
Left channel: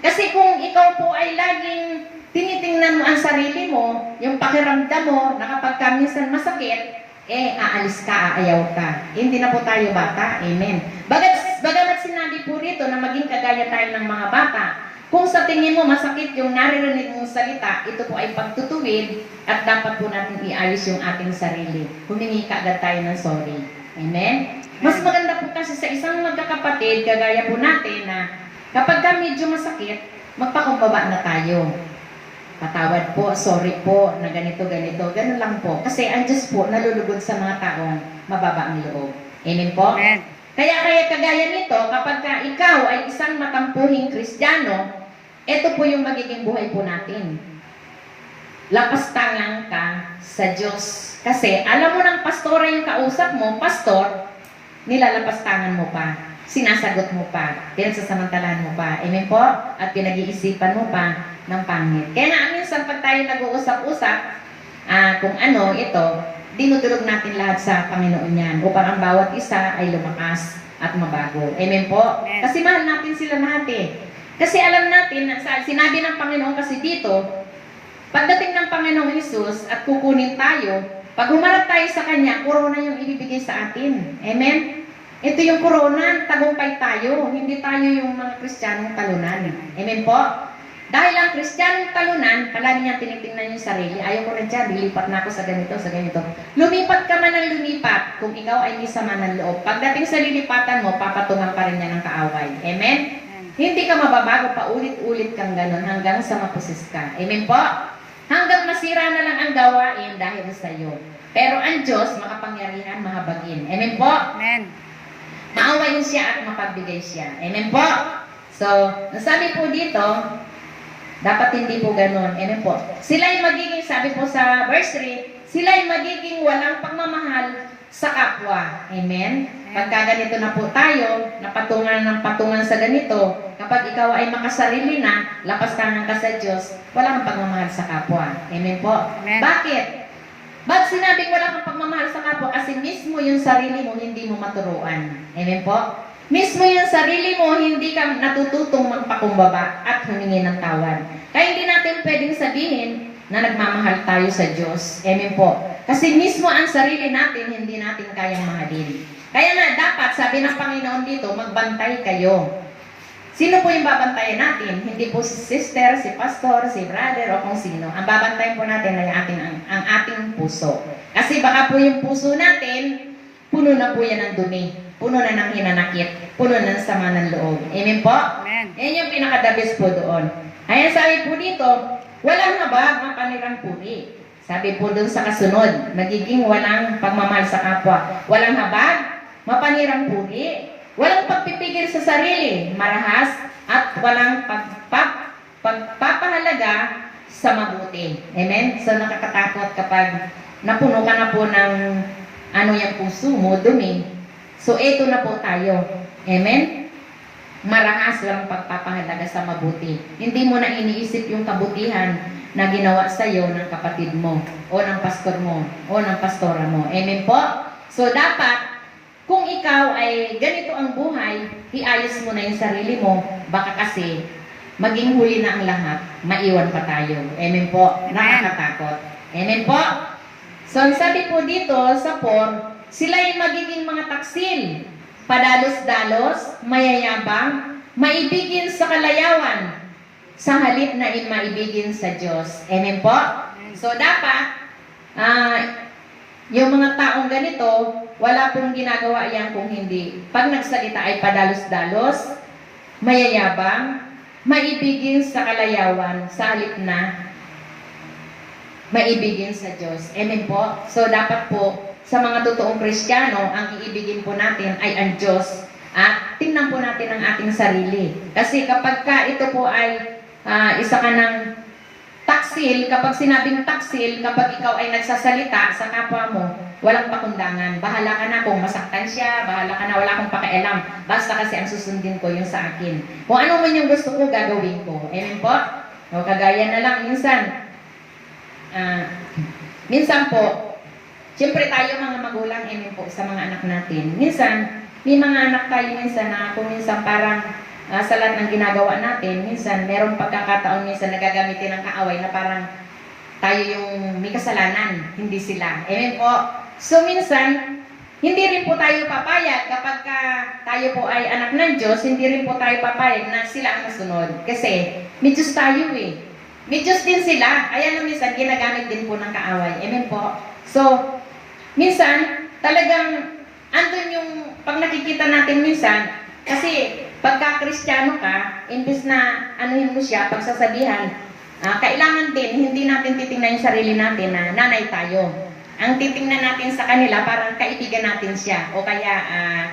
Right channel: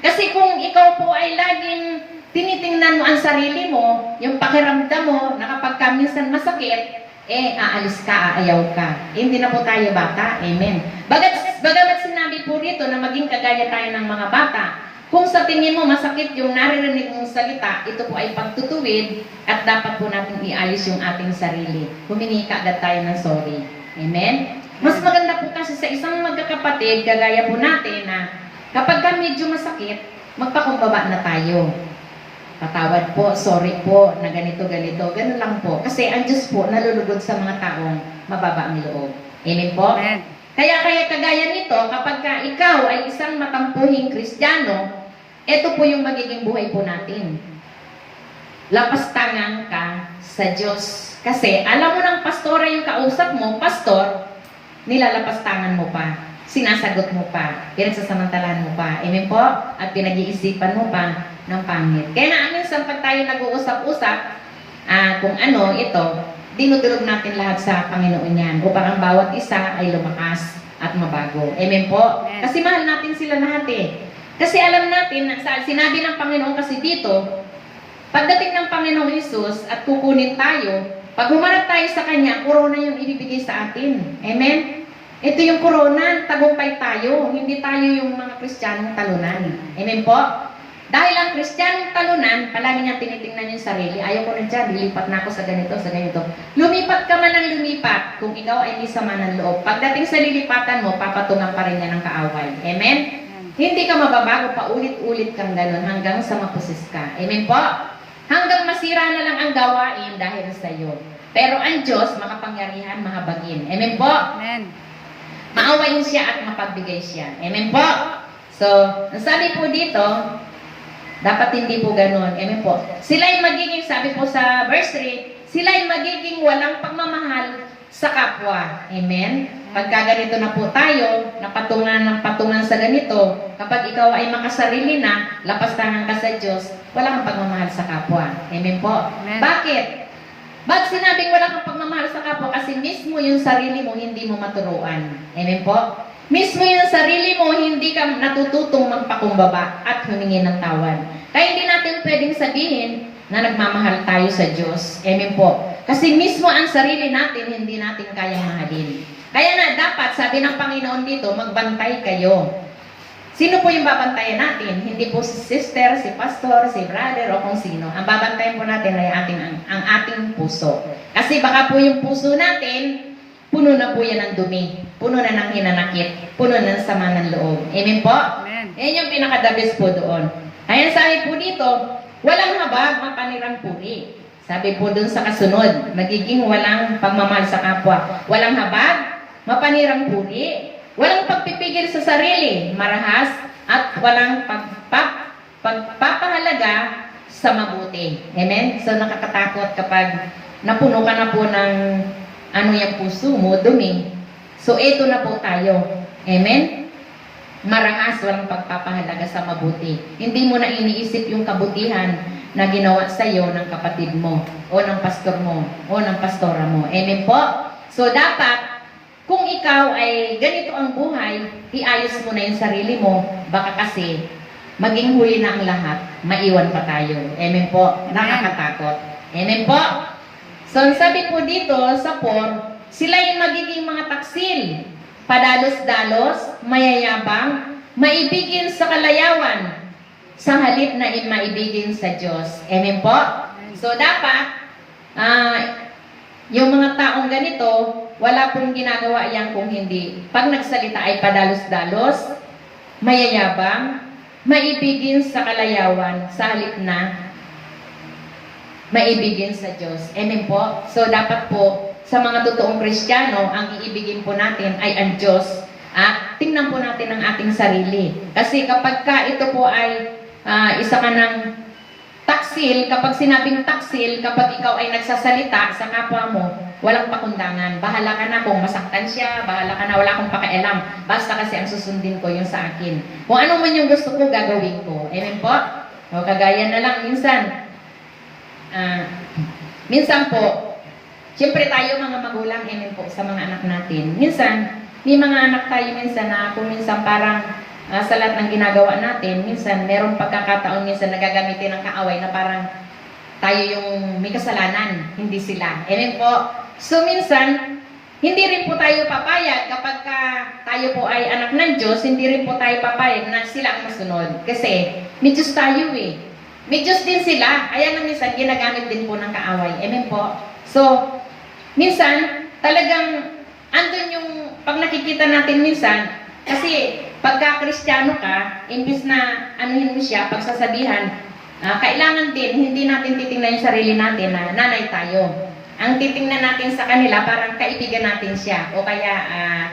Kasi kung ikaw po ay laging tinitingnan mo ang sarili mo, yung pakiramdam mo, na kapag minsan masakit, aalis ka, aayaw ka. Hindi na po tayo bata. Amen. Bagamat sinabi po rito na maging kagaya tayo ng mga bata, kung sa tingin mo masakit yung naririnig mong salita, ito po ay pagtutuwid at dapat po natin iayos yung ating sarili. Humingi kaagad tayo ng sorry. Amen? Mas maganda po kasi sa isang magkakapatid, kagaya po natin na kapag medyo masakit, magpakumbaba na tayo. Patawad po, sorry po, na ganito, ganun lang po. Kasi ang Diyos po nalulugod sa mga taong mababa ang loob. Amen po? Amen. Kaya kagaya nito, kapag ikaw ay isang matampuhing Kristiyano, ito po yung magiging buhay po natin. Lapastangan ka sa Diyos. Kasi alam mo ng pastora yung kausap mo, pastor, nilalapastangan mo pa. Sinasagot mo pa, pinagsasamantalahan mo pa, amen po? At pinag-iisipan mo pa, ng pangit. Kaya nga minsan pag tayo nag-uusap-usap, kung ano ito, dinudulog natin lahat sa Panginoon yan upang ang bawat isa ay lumakas at mabago. Amen po? Amen. Kasi mahal natin sila lahat eh. Kasi alam natin, sinabi ng Panginoon kasi dito, pagdating ng Panginoong Hesus at kukunin tayo, pag humarap tayo sa Kanya, corona yung ibibigay sa atin. Amen? Ito yung corona, tagumpay tayo. Hindi tayo yung mga Kristiyanong talunan. Amen po? Dahil ang Kristiyanong talunan, palagi niyang tinitingnan yung sarili. Ayaw ko na dyan, lilipat na ako sa ganito, sa ganito. Lumipat ka man ng lumipat kung ikaw ay may sama ng loob. Pagdating sa lilipatan mo, papatungan pa rin niya ng kaaway. Amen? Hindi ka mababago, paulit-ulit kang ganun hanggang sa mapusis ka. Amen po? Hanggang masira na lang ang gawain dahil sa iyo. Pero ang Diyos, makapangyarihan, mahabagin. Amen po? Amen. Maawain siya at mapagbigay siya. Amen po? So, nasabi po dito, dapat hindi po ganun. Amen po? Sila'y magiging, sabi po sa verse 3, sila'y magiging walang pagmamahal sa kapwa. Amen? Pagka ganito na po tayo, napatungan ng patungan sa ganito, kapag ikaw ay makasarili na, lapas tangan ka sa Diyos, walang pagmamahal sa kapwa. Amen po? Amen. Bakit? Ba't sinabing wala kang pagmamahal sa kapwa? Kasi mismo yung sarili mo hindi mo maturuan. Amen po? Mismo yung sarili mo hindi ka natututong magpakumbaba at humingi ng tawad. Kaya hindi natin pwedeng sabihin na nagmamahal tayo sa Diyos. Amen po? Kasi mismo ang sarili natin hindi natin kayang mahalin. Kaya nga dapat, sabi ng Panginoon dito, magbantay kayo. Sino po yung babantayan natin? Hindi po si sister, si pastor, si brother, o kung sino. Ang babantayan po natin ay ang ating puso. Kasi baka po yung puso natin, puno na po yan ng dumi. Puno na ng hinanakit. Puno na ng sama ng loob. Amen po? Amen. Yan yung pinakadabis po doon. Ayan sabi po dito, walang habag, mapanirang puri. Sabi po doon sa kasunod, magiging walang pagmamahal sa kapwa. Walang habag, mapanirang puri. Walang pagpipigil sa sarili, marahas, at walang pagpapahalaga sa mabuti. Amen? So nakakatakot kapag napuno ka na po ng yung puso mo, dumi. So ito na po tayo. Amen? Marahas, walang pagpapahalaga sa mabuti. Hindi mo na iniisip yung kabutihan na ginawa sa iyo ng kapatid mo, o ng pastor mo, o ng pastora mo. Amen po? So dapat, kung ikaw ay ganito ang buhay, iayos mo na yung sarili mo, baka kasi maging huli na ang lahat, maiwan pa tayo. Amen po? Nakakatakot. Amen po? So, sabi po dito sa 4, sila yung magiging mga taksil, padalos-dalos, mayayabang, maibigin sa kalayawan, sa halip na maibigin sa Diyos. Amen po? So, dapat, yung mga taong ganito, wala pong ginagawa yan kung hindi. Pag nagsalita ay padalos-dalos, mayayabang, maibigin sa kalayawan, sa halip na maibigin sa Diyos. Amen po? So dapat po, sa mga totoong Kristiyano, ang iibigin po natin ay ang Diyos. At tingnan po natin ang ating sarili. Kasi kapag ka ito po ay isa ka ng taksil, kapag sinabing taksil, kapag ikaw ay nagsasalita sa kapwa mo, walang pakundangan. Bahala ka na kung masaktan siya, bahala ka na, wala akong pakialam. Basta kasi ang susundin ko yung sa akin. Kung ano man yung gusto ko, gagawin ko. Amen po? O kagaya na lang, minsan po, siyempre tayo mga magulang, amen po, sa mga anak natin. Minsan, may mga anak tayo minsan na kung minsan parang sa lahat ng ginagawa natin, minsan merong pagkakataon minsan nagagamitin ng kaaway na parang tayo yung may kasalanan, hindi sila. Amen po. So minsan, hindi rin po tayo papayag kapag tayo po ay anak ng Diyos, hindi rin po tayo papayag na sila ang masunod. Kasi may Diyos tayo eh. May Diyos din sila. Kaya nung minsan, ginagamit din po ng kaaway. Amen po. So, minsan, talagang andun yung pag nakikita natin minsan, kasi pagka Kristiyano ka, imbis na anuhin mo siya, pagsasabihan, kailangan din, hindi natin titingnan yung sarili natin na nanay tayo. Ang titingnan natin sa kanila, parang kaibigan natin siya, o kaya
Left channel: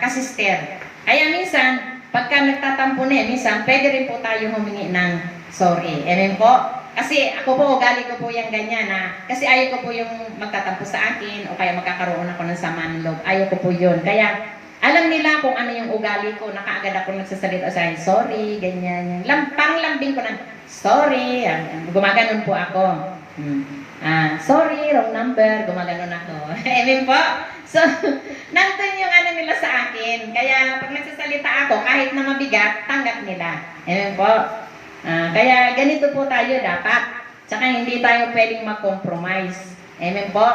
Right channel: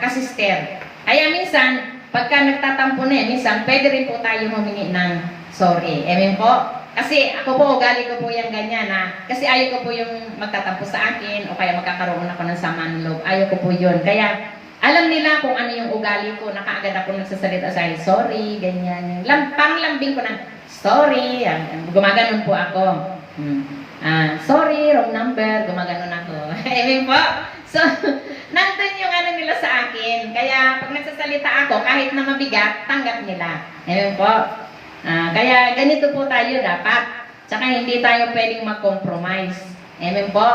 kasister. Kaya minsan, pagka nagtatampo na minsan, pwede rin po tayo humingi ng sorry. Amen po? Kasi ako po, ugali ko po yung ganyan kasi ayaw ko po yung magtatampo sa akin, o kaya magkakaroon ako ng sama ng loob. Ayaw ko po yun. Kaya, alam nila kung ano yung ugali ko, nakaagad ako nagsasalita sa akin, sorry, ganyan. Panglambing ko ng, sorry, gumaganon po ako. Sorry, wrong number, gumaganon ako. Amen po. So, nandun yung ano nila sa akin. Kaya pag nagsasalita ako, kahit na mabigat, tanggap nila. Amen po. Kaya ganito po tayo dapat. Tsaka hindi tayo pwedeng mag-compromise. Amen po.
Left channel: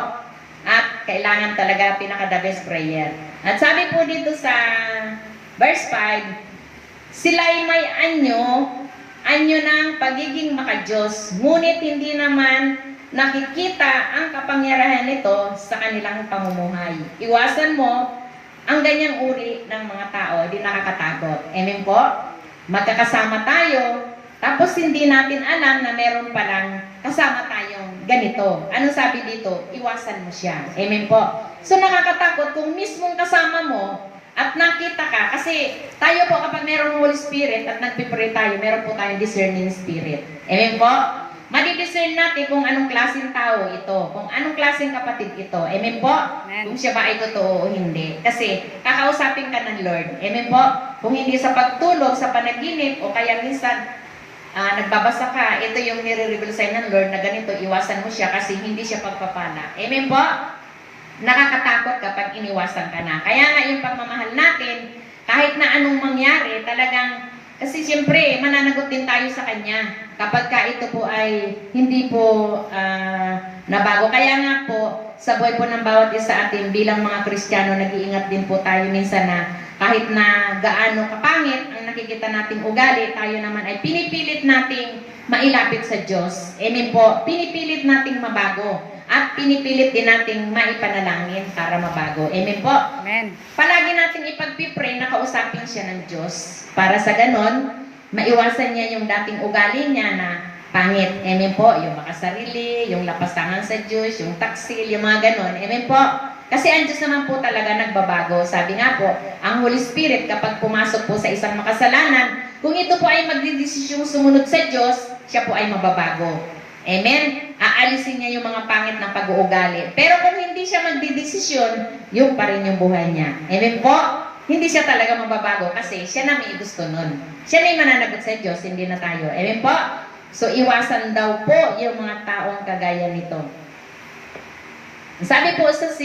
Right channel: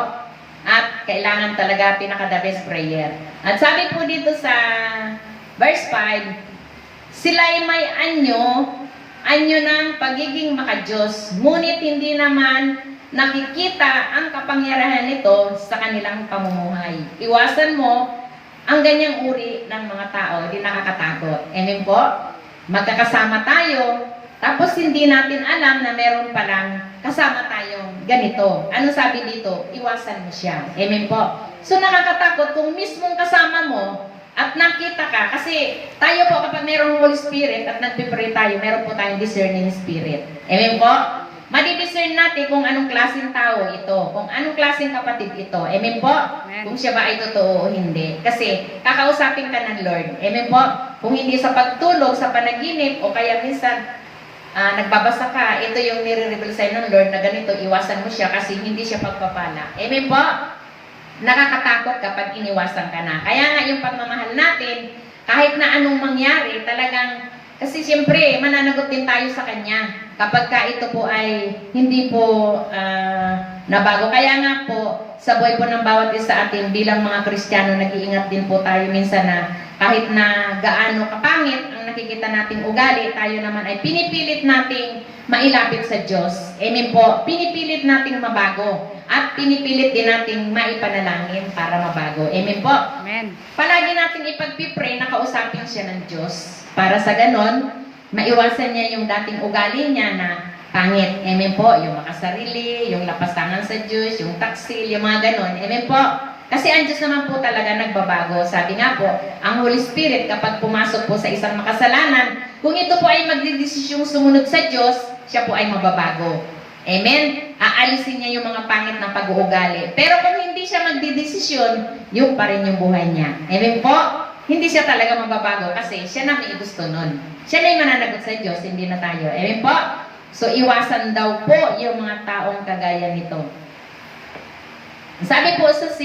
At kailangan talaga pinaka-the best prayer. At sabi po dito sa verse 5, sila'y may anyo ng pagiging makadiyos, ngunit hindi naman nakikita ang kapangyarihan nito sa kanilang pamumuhay. Iwasan mo ang ganyang uri ng mga tao, di nakakatakot. Amen po? Magkakasama tayo, tapos hindi natin alam na meron palang kasama tayong ganito. Ano sabi dito? Iwasan mo siya. Amen po? So nakakatakot kung mismong kasama mo at nakita ka, kasi tayo po kapag merong Holy Spirit at nagpipray tayo, meron po tayong discerning spirit. Amen po? Madidiscern natin kung anong klaseng tao ito, kung anong klaseng kapatid ito. Amen po? Amen. Kung siya ba ay totoo o hindi. Kasi kakausapin ka ng Lord. Amen po? Kung hindi sa pagtulog, sa panaginip, o kaya minsan nagbabasa ka, ito yung nire-reveal sa'yo ng Lord na ganito, iwasan mo siya kasi hindi siya pagpapala. Amen po? Nakakatakot kapag iniwasan ka na. Kaya nga yung pagmamahal natin, kahit na anong mangyari, talagang, kasi siyempre, mananagot din tayo sa Kanya. Kapag ka ito po ay hindi po nabago. Kaya nga po, sa buhay po ng bawat isa atin, bilang mga Kristiyano, nag-iingat din po tayo minsan na kahit na gaano kapangit ang nakikita nating ugali, tayo naman ay pinipilit nating mailapit sa Diyos. Amen po. Pinipilit nating mabago. At pinipilit din nating maipanalangin para mabago. Amen po. Amen. Palagi nating ipagpipray na kausapin siya ng Diyos. Para sa ganon, maiwasan niya yung dating ugali niya na pangit. Amen po. Yung makasarili, yung lapastangan sa Diyos, yung taksil, yung mga ganon. Amen po. Kasi ang Diyos naman po talaga nagbabago. Sabi nga po, ang Holy Spirit kapag pumasok po sa isang makasalanan, kung ito po ay magdidesisyong sumunod sa Diyos, siya po ay mababago. Amen? Aalisin niya yung mga pangit na pag-uugali. Pero kung hindi siya magdidesisyon, yung pa rin yung buhay niya. Amen po? Hindi siya talaga mababago kasi siya na may gusto nun. Siya na yung mananagot sa Diyos, hindi na tayo. Amen po? So, iwasan daw po yung mga taong kagaya nito. Sabi po sa 6,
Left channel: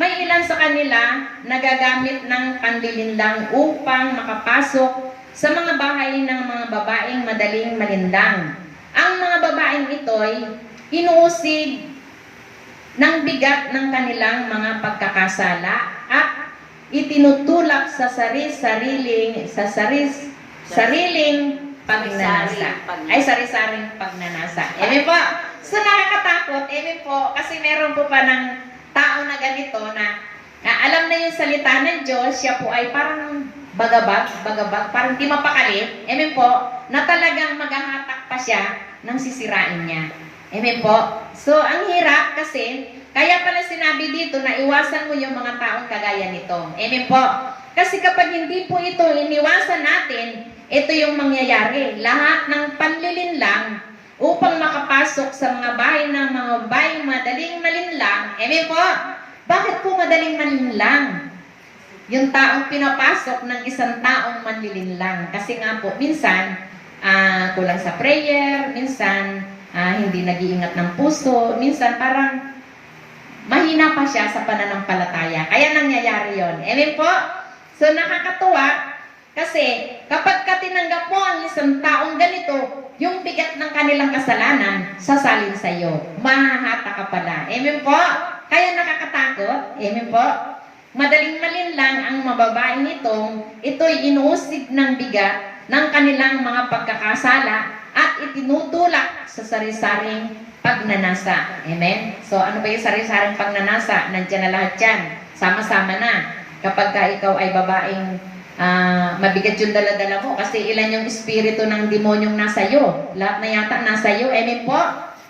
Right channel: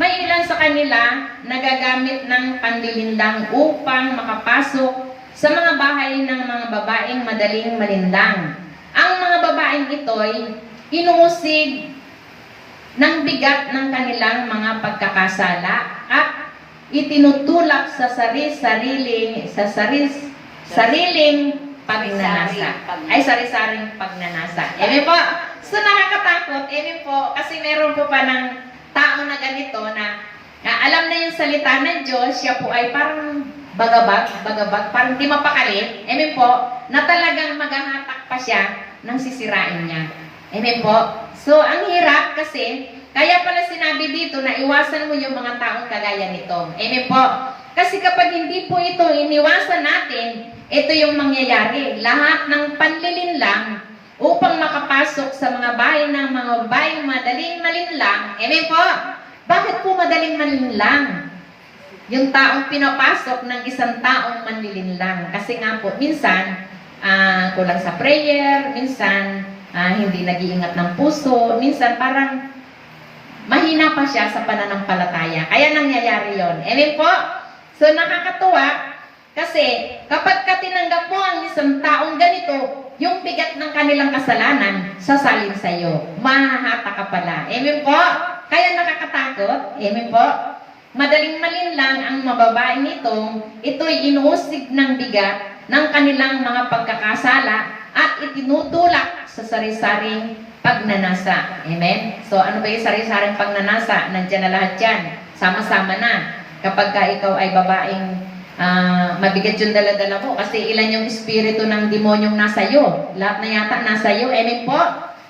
may ilan sa kanila nagagamit ng panlilinlang upang makapasok sa mga bahay ng mga babaeng madaling malindang. Ang mga babaeng ito'y inuusig ng bigat ng kanilang mga pagkakasala at itinutulak sa sariling pagnanasa. Ay, sari-saring pagnanasa. Amen po? So, nakakatakot. Amen po. Kasi meron po pa ng tao na ganito na alam na yung salita ng Diyos, siya po ay parang bagabag, parang di mapakali. Amen po? Na talagang maghahatak pa siya ng sisirain niya. Amen po? So, ang hirap kasi, kaya pala sinabi dito na iwasan mo yung mga taong kagaya nito. Amen po? Kasi kapag hindi po ito iniwasan natin, ito yung mangyayari. Lahat ng panlilinlang upang makapasok sa mga bahay ng mga bahay madaling malinlang. Amen po? Bakit po madaling malinlang? Yung taong pinapasok ng isang taong manlilinlang. Kasi nga po, minsan, kulang sa prayer, minsan, hindi nag-iingat ng puso, minsan parang mahina pa siya sa pananampalataya. Kaya nangyayari yon. Amen po? So, nakakatuwa kasi kapag tinanggap mo ang isang taong ganito, yung bigat ng kanilang kasalanan, sasalin sa iyo. Mahahata ka pala. Amen po? Kaya nakakatakot. Amen po? Madaling malinlang ang mababaeng ito'y inuusig ng bigat ng kanilang mga pagkakasala at itinutulak sa sari-saring pagnanasa. Amen? So, ano ba yung sari-saring pagnanasa? Nandiyan na lahat yan. Sama-sama na. Kapag ka ikaw ay babaeng mabigat yung dala-dala mo kasi ilan yung espiritu ng demonyong nasa iyo. Lahat na yata nasa iyo. Amen po?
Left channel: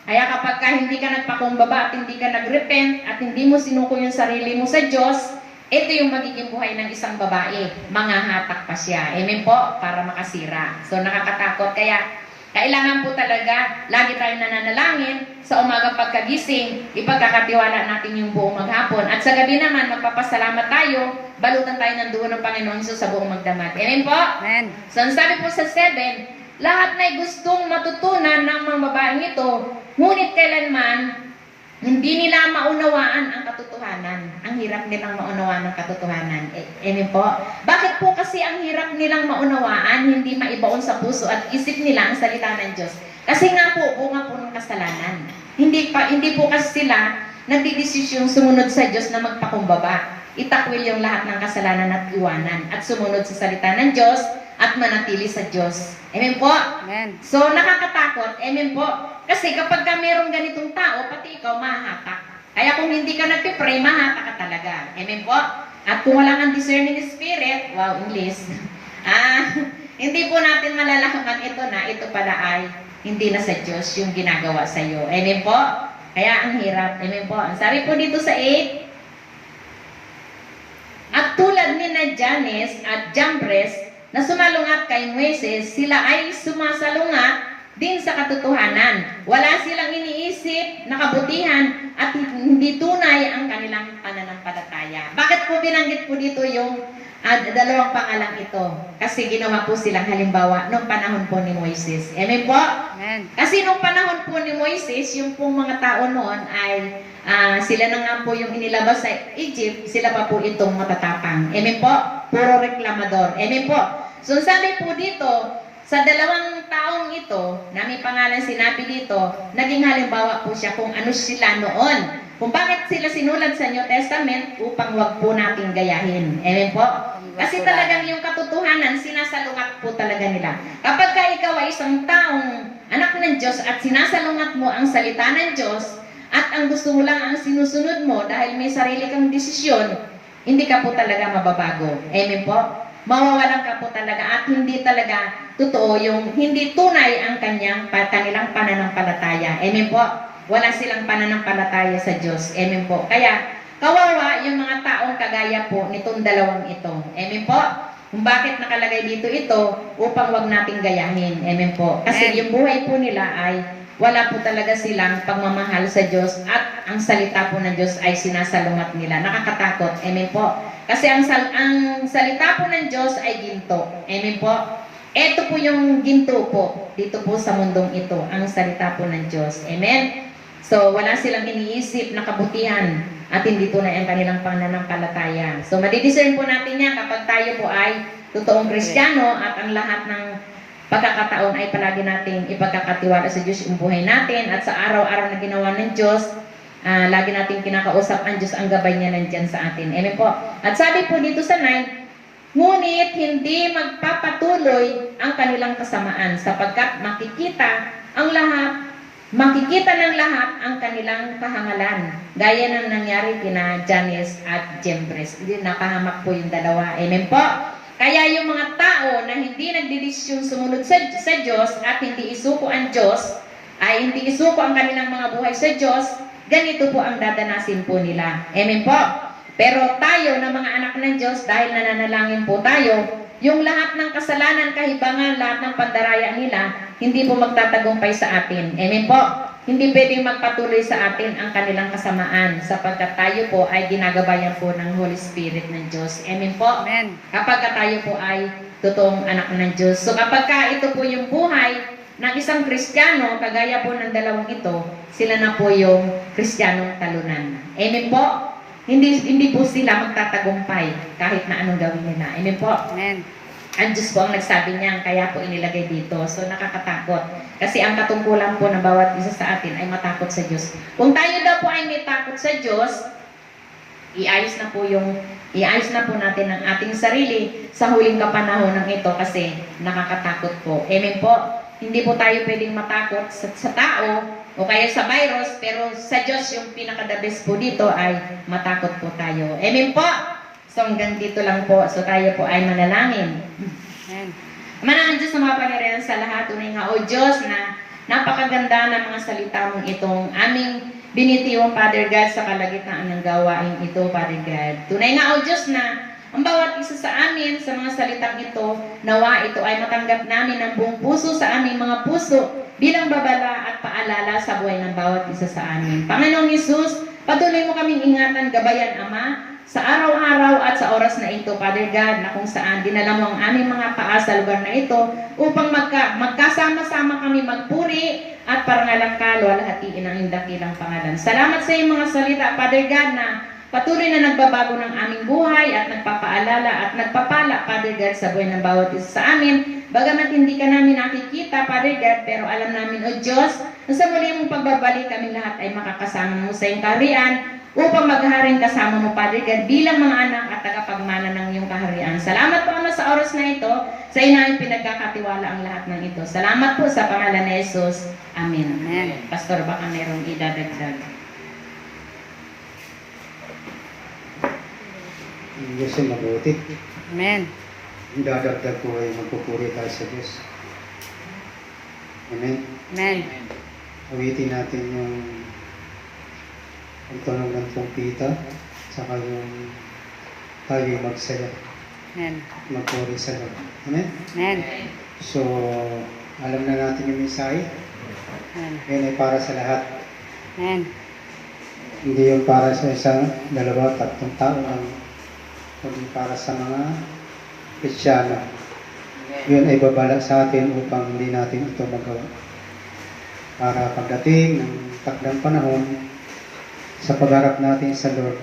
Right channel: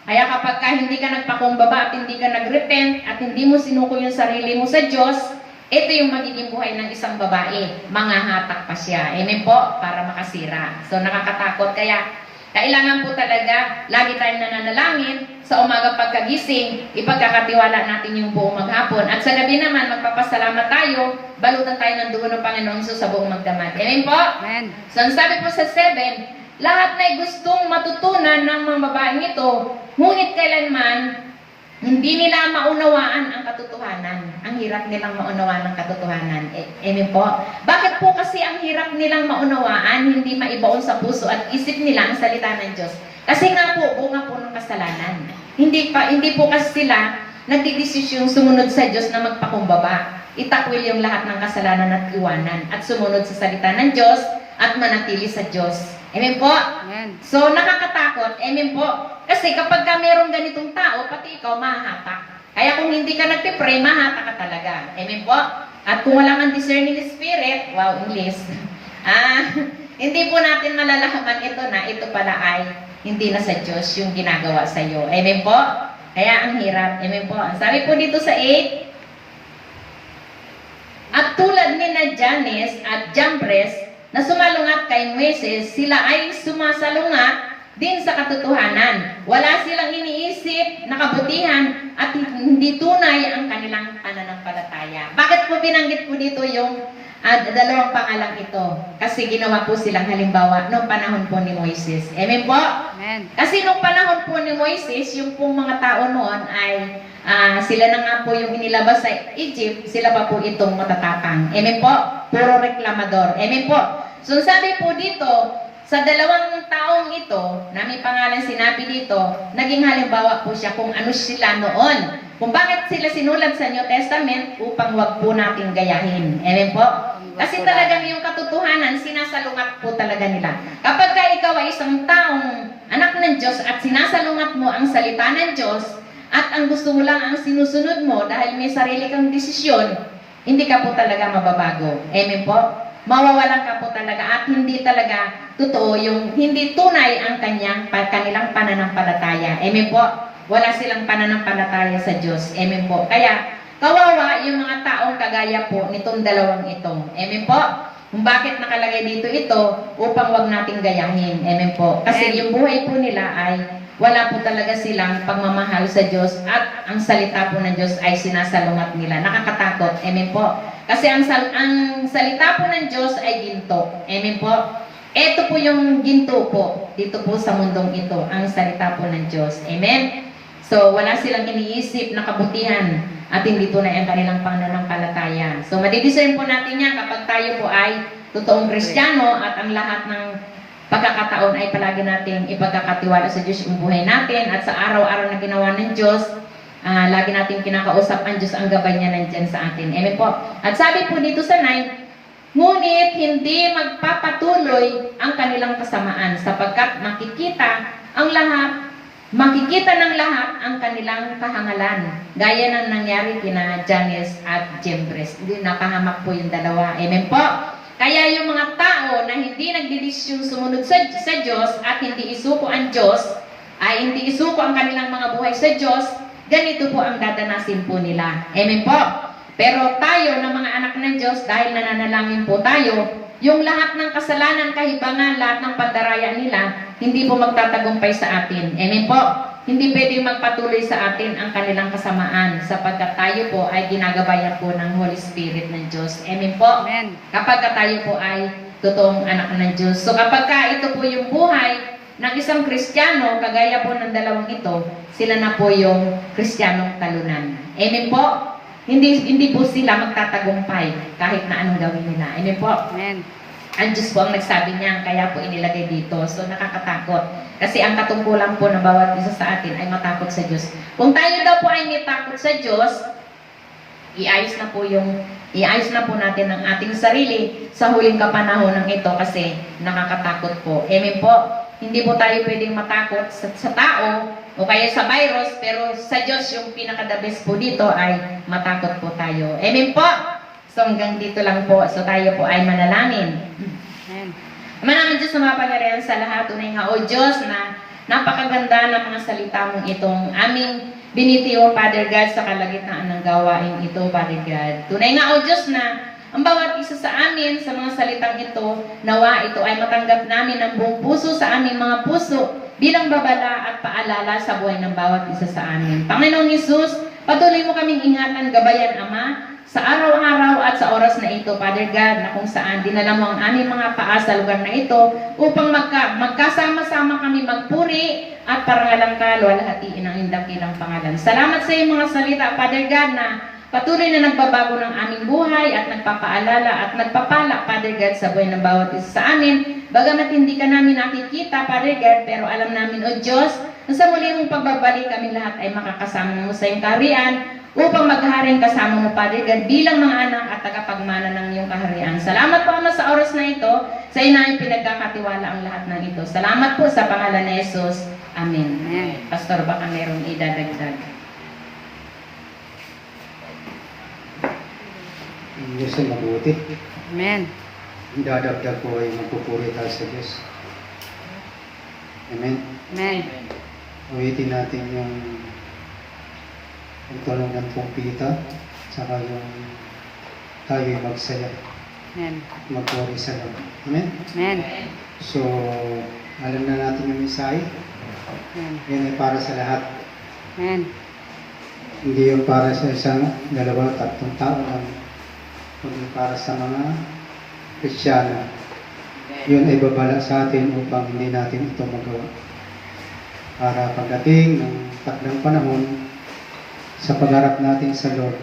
Kaya kapag ka hindi ka nagpakumbaba at hindi ka nagrepent at hindi mo sinuko yung sarili mo sa Diyos, ito yung magiging buhay ng isang babae. Manghahatak pa siya. Amen po? Para makasira. So nakakatakot. Kaya kailangan po talaga lagi tayong nananalangin sa umaga pagkagising, ipagkakatiwala natin yung buong maghapon. At sa gabi naman, magpapasalamat tayo, balutan tayo ng dugo ng Panginoon Hesus sa buong magdamag. Amen po? Amen. So, ang sabi po sa 7, lahat na gustong matutunan ng mga babaeng ito, ngunit kailanman hindi nila maunawaan ang katotohanan. Ang hirap nilang maunawaan ang katotohanan. Amen po? Bakit po kasi ang hirap nilang maunawaan, hindi maibaon sa puso at isip nila ang salita ng Diyos? Kasi nga po, bunga po ng kasalanan. Hindi po kasi sila nagdidesisyong sumunod sa Diyos na magpakumbaba. Itakwil yung lahat ng kasalanan at iwanan at sumunod sa salita ng Diyos at manatili sa Diyos. Amen po? Amen. So, nakakatakot. Amen po? Kasi kapag ka merong ganitong tao, pati ikaw mahahatak. Kaya kung hindi ka nagpipray, mahatak ka talaga. Amen po? At kung wala kang discerning spirit, wow, English. Hindi po natin malalaman ito na ito pala ay hindi na sa Diyos yung ginagawa sa iyo. Amen po? Kaya ang hirap. Amen po? Ang sabi po dito sa 8, at tulad ni na Janes at Jambres na sumalungat kay Moises, sila ay sumasalungat din sa katotohanan. Wala silang iniisip na kabutihan at hindi tunay ang kanilang pananampalataya. Bakit po binanggit po dito yung dalawang pangalang ito? Kasi ginawa po silang halimbawa noong panahon po ni Moises. Amen po? Amen. Kasi nung panahon po ni Moises, yung pong mga tao noon ay sila na nga po yung inilabas sa Egypt, sila pa po itong matatapang. Amen po? Puro reklamador. Amen po? So sabi po dito, sa dalawang taong ito, na may pangalan sinabi dito, naging halimbawa po siya kung ano sila noon. Kung bakit sila sinulat sa New Testament upang wag po natin gayahin. Amen po? Kasi talagang yung katotohanan, sinasalungat po talaga nila. Kapag ka ikaw ay isang taong anak ng Diyos at sinasalungat mo ang salita ng Diyos at ang gusto mo lang ang sinusunod mo dahil may sarili kang desisyon, hindi ka po talaga mababago. Amen po? Mawawalan ka po talaga at hindi talaga totoo yung hindi tunay ang kanilang pananampalataya. Amen po? Wala silang pananampalataya sa Diyos. Amen po? Kaya, kawawa yung mga taong kagaya po nitong dalawang ito. Amen po? Kung bakit nakalagay dito ito, upang wag nating gayahin. Amen po? Kasi yung buhay po nila ay wala po talaga silang pagmamahal sa Diyos at ang salita po ng Diyos ay sinasalungat nila. Nakakatakot. Amen po? Kasi ang salita po ng Diyos ay ginto. Amen po? Ito po yung ginto po dito po sa mundong ito, ang salita po ng Diyos. Amen? So, wala silang iniisip na kabutihan at hindi tunay ang kanilang pananampalataya. So, madidiscern po natin yan kapag tayo po ay totoong Kristiyano at ang lahat ng pagkakataon ay palagi nating ipagkakatiwala sa Diyos yung buhay natin at sa araw-araw na ginawa ng Diyos, lagi nating kinakausap ang Diyos, ang gabay niya nandyan sa atin. Amen po. At sabi po dito sa 9, ngunit hindi magpapatuloy ang kanilang kasamaan sapagkat makikita ng lahat ang kanilang kahangalan. Gaya ng nangyari kina Janes at Jambres. Napahamak po yung dalawa. Amen po. Kaya yung mga tao na hindi nagdidesisyon sumunod sa Diyos at hindi isuko ang Diyos, ay hindi isuko ang kanilang mga buhay sa Diyos, ganito po ang dadanasin po nila. Amen po. Pero tayo na mga anak ng Diyos, dahil nananalangin po tayo, yung lahat ng kasalanan, kahibangan, lahat ng pandaraya nila, hindi po magtatagumpay sa atin. Amen po. Hindi pwedeng magpatuloy sa atin ang kanilang kasamaan sapagkat tayo po ay ginagabayan po ng Holy Spirit ng Diyos. Amen po. Amen. Kapag tayo po ay totoong anak ng Diyos. So kapag ito po yung buhay ng isang Kristiyano, kagaya po ng dalawang ito, sila na po yung Kristiyanong talunan. Amen po. Hindi po sila magtatagumpay kahit na anong gawin nila. Amen po. Amen. Ang Diyos po ang nagsabi niya, kaya po inilagay dito. So nakakatakot. Kasi ang katungkulan po ng bawat isa sa atin ay matakot sa Diyos. Kung tayo daw po ay may takot sa Diyos, iayos na po natin ang ating sarili sa huling kapanahon ng ito kasi nakakatakot po. Amen po. Hindi po tayo pwedeng matakot sa tao o kaya sa virus, pero sa Diyos yung pinaka-the best po dito ay matakot po tayo. Amen po. So hanggang dito lang po. So tayo po ay manalangin. Amen. Manangan Diyos na mapagarihan sa lahat. Tunay nga, O Diyos, na napakaganda ng mga salita mong itong aming binitiwang, Father God, sa kalagitnaan ng gawain ito, Father God. Tunay nga, O Diyos, na ang bawat isa sa amin, sa mga salitang ito, nawa ito ay matanggap namin ng buong puso sa aming mga puso bilang babala at paalala sa buhay ng bawat isa sa amin. Panginoong Hesus, patuloy mo kaming ingatan, gabayan, Ama, sa araw-araw at sa oras na ito, Father God, na kung saan dinala mo ang aming mga paa sa lugar na ito upang magkasama kami magpuri at parangalang ka, luwalhatiin ang indakilang pangalan. Salamat sa iyong mga salita, Father God, na patuloy na nagbabago ng aming buhay at nagpapaalala at nagpapala, Father God, sa buhay ng bawat isa sa amin. Bagamat hindi ka namin nakikita, Father God, pero alam namin, O Diyos, na sa muli mong pagbabalik kami lahat ay makakasama mo sa iyong kaharian upang maghaharing kasama mo, Father God, bilang mga anak at tagapagmana ng iyong kaharian. Salamat po, Ama, sa oras na ito. Sa inayong pinagkakatiwala ang lahat ng ito. Salamat po sa pangalan ni Jesus. Amen. Amen. Pastor, baka mayroong idadagdag. Ang Diyos ay mabuti. Amen. Ang dadagdag po ay magpupuri tayo sa Diyos. Amen. Amen. Awitin natin yung tunog ng pumpita, saka yung tayo'y magsaya, Amen. magpuri sa Lord. Amen. Amen. So, alam na natin yung mensahe. Amen. Yun ay para sa lahat. Amen. Hindi yung para sa isang, dalawa, tatlong tao lang. Kundi para sa mga Kristiyano. Yun ay babala sa atin upang hindi natin ito magawa. Para pagdating ng takdang panahon, sa pagharap natin sa Lord,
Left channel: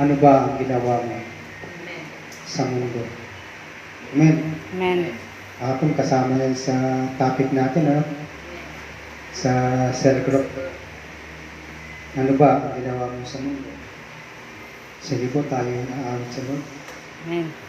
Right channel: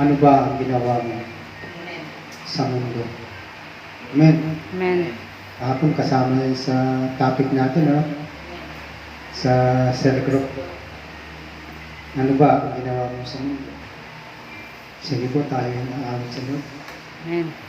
ano ba ang ginawa mo sa mundo? Amen. Amen. Kahapon kasama yan sa topic natin, no? Sa cell group. Ano ba ang ginawa mo sa mundo? Sige po, tayo na sa Lord. Amen.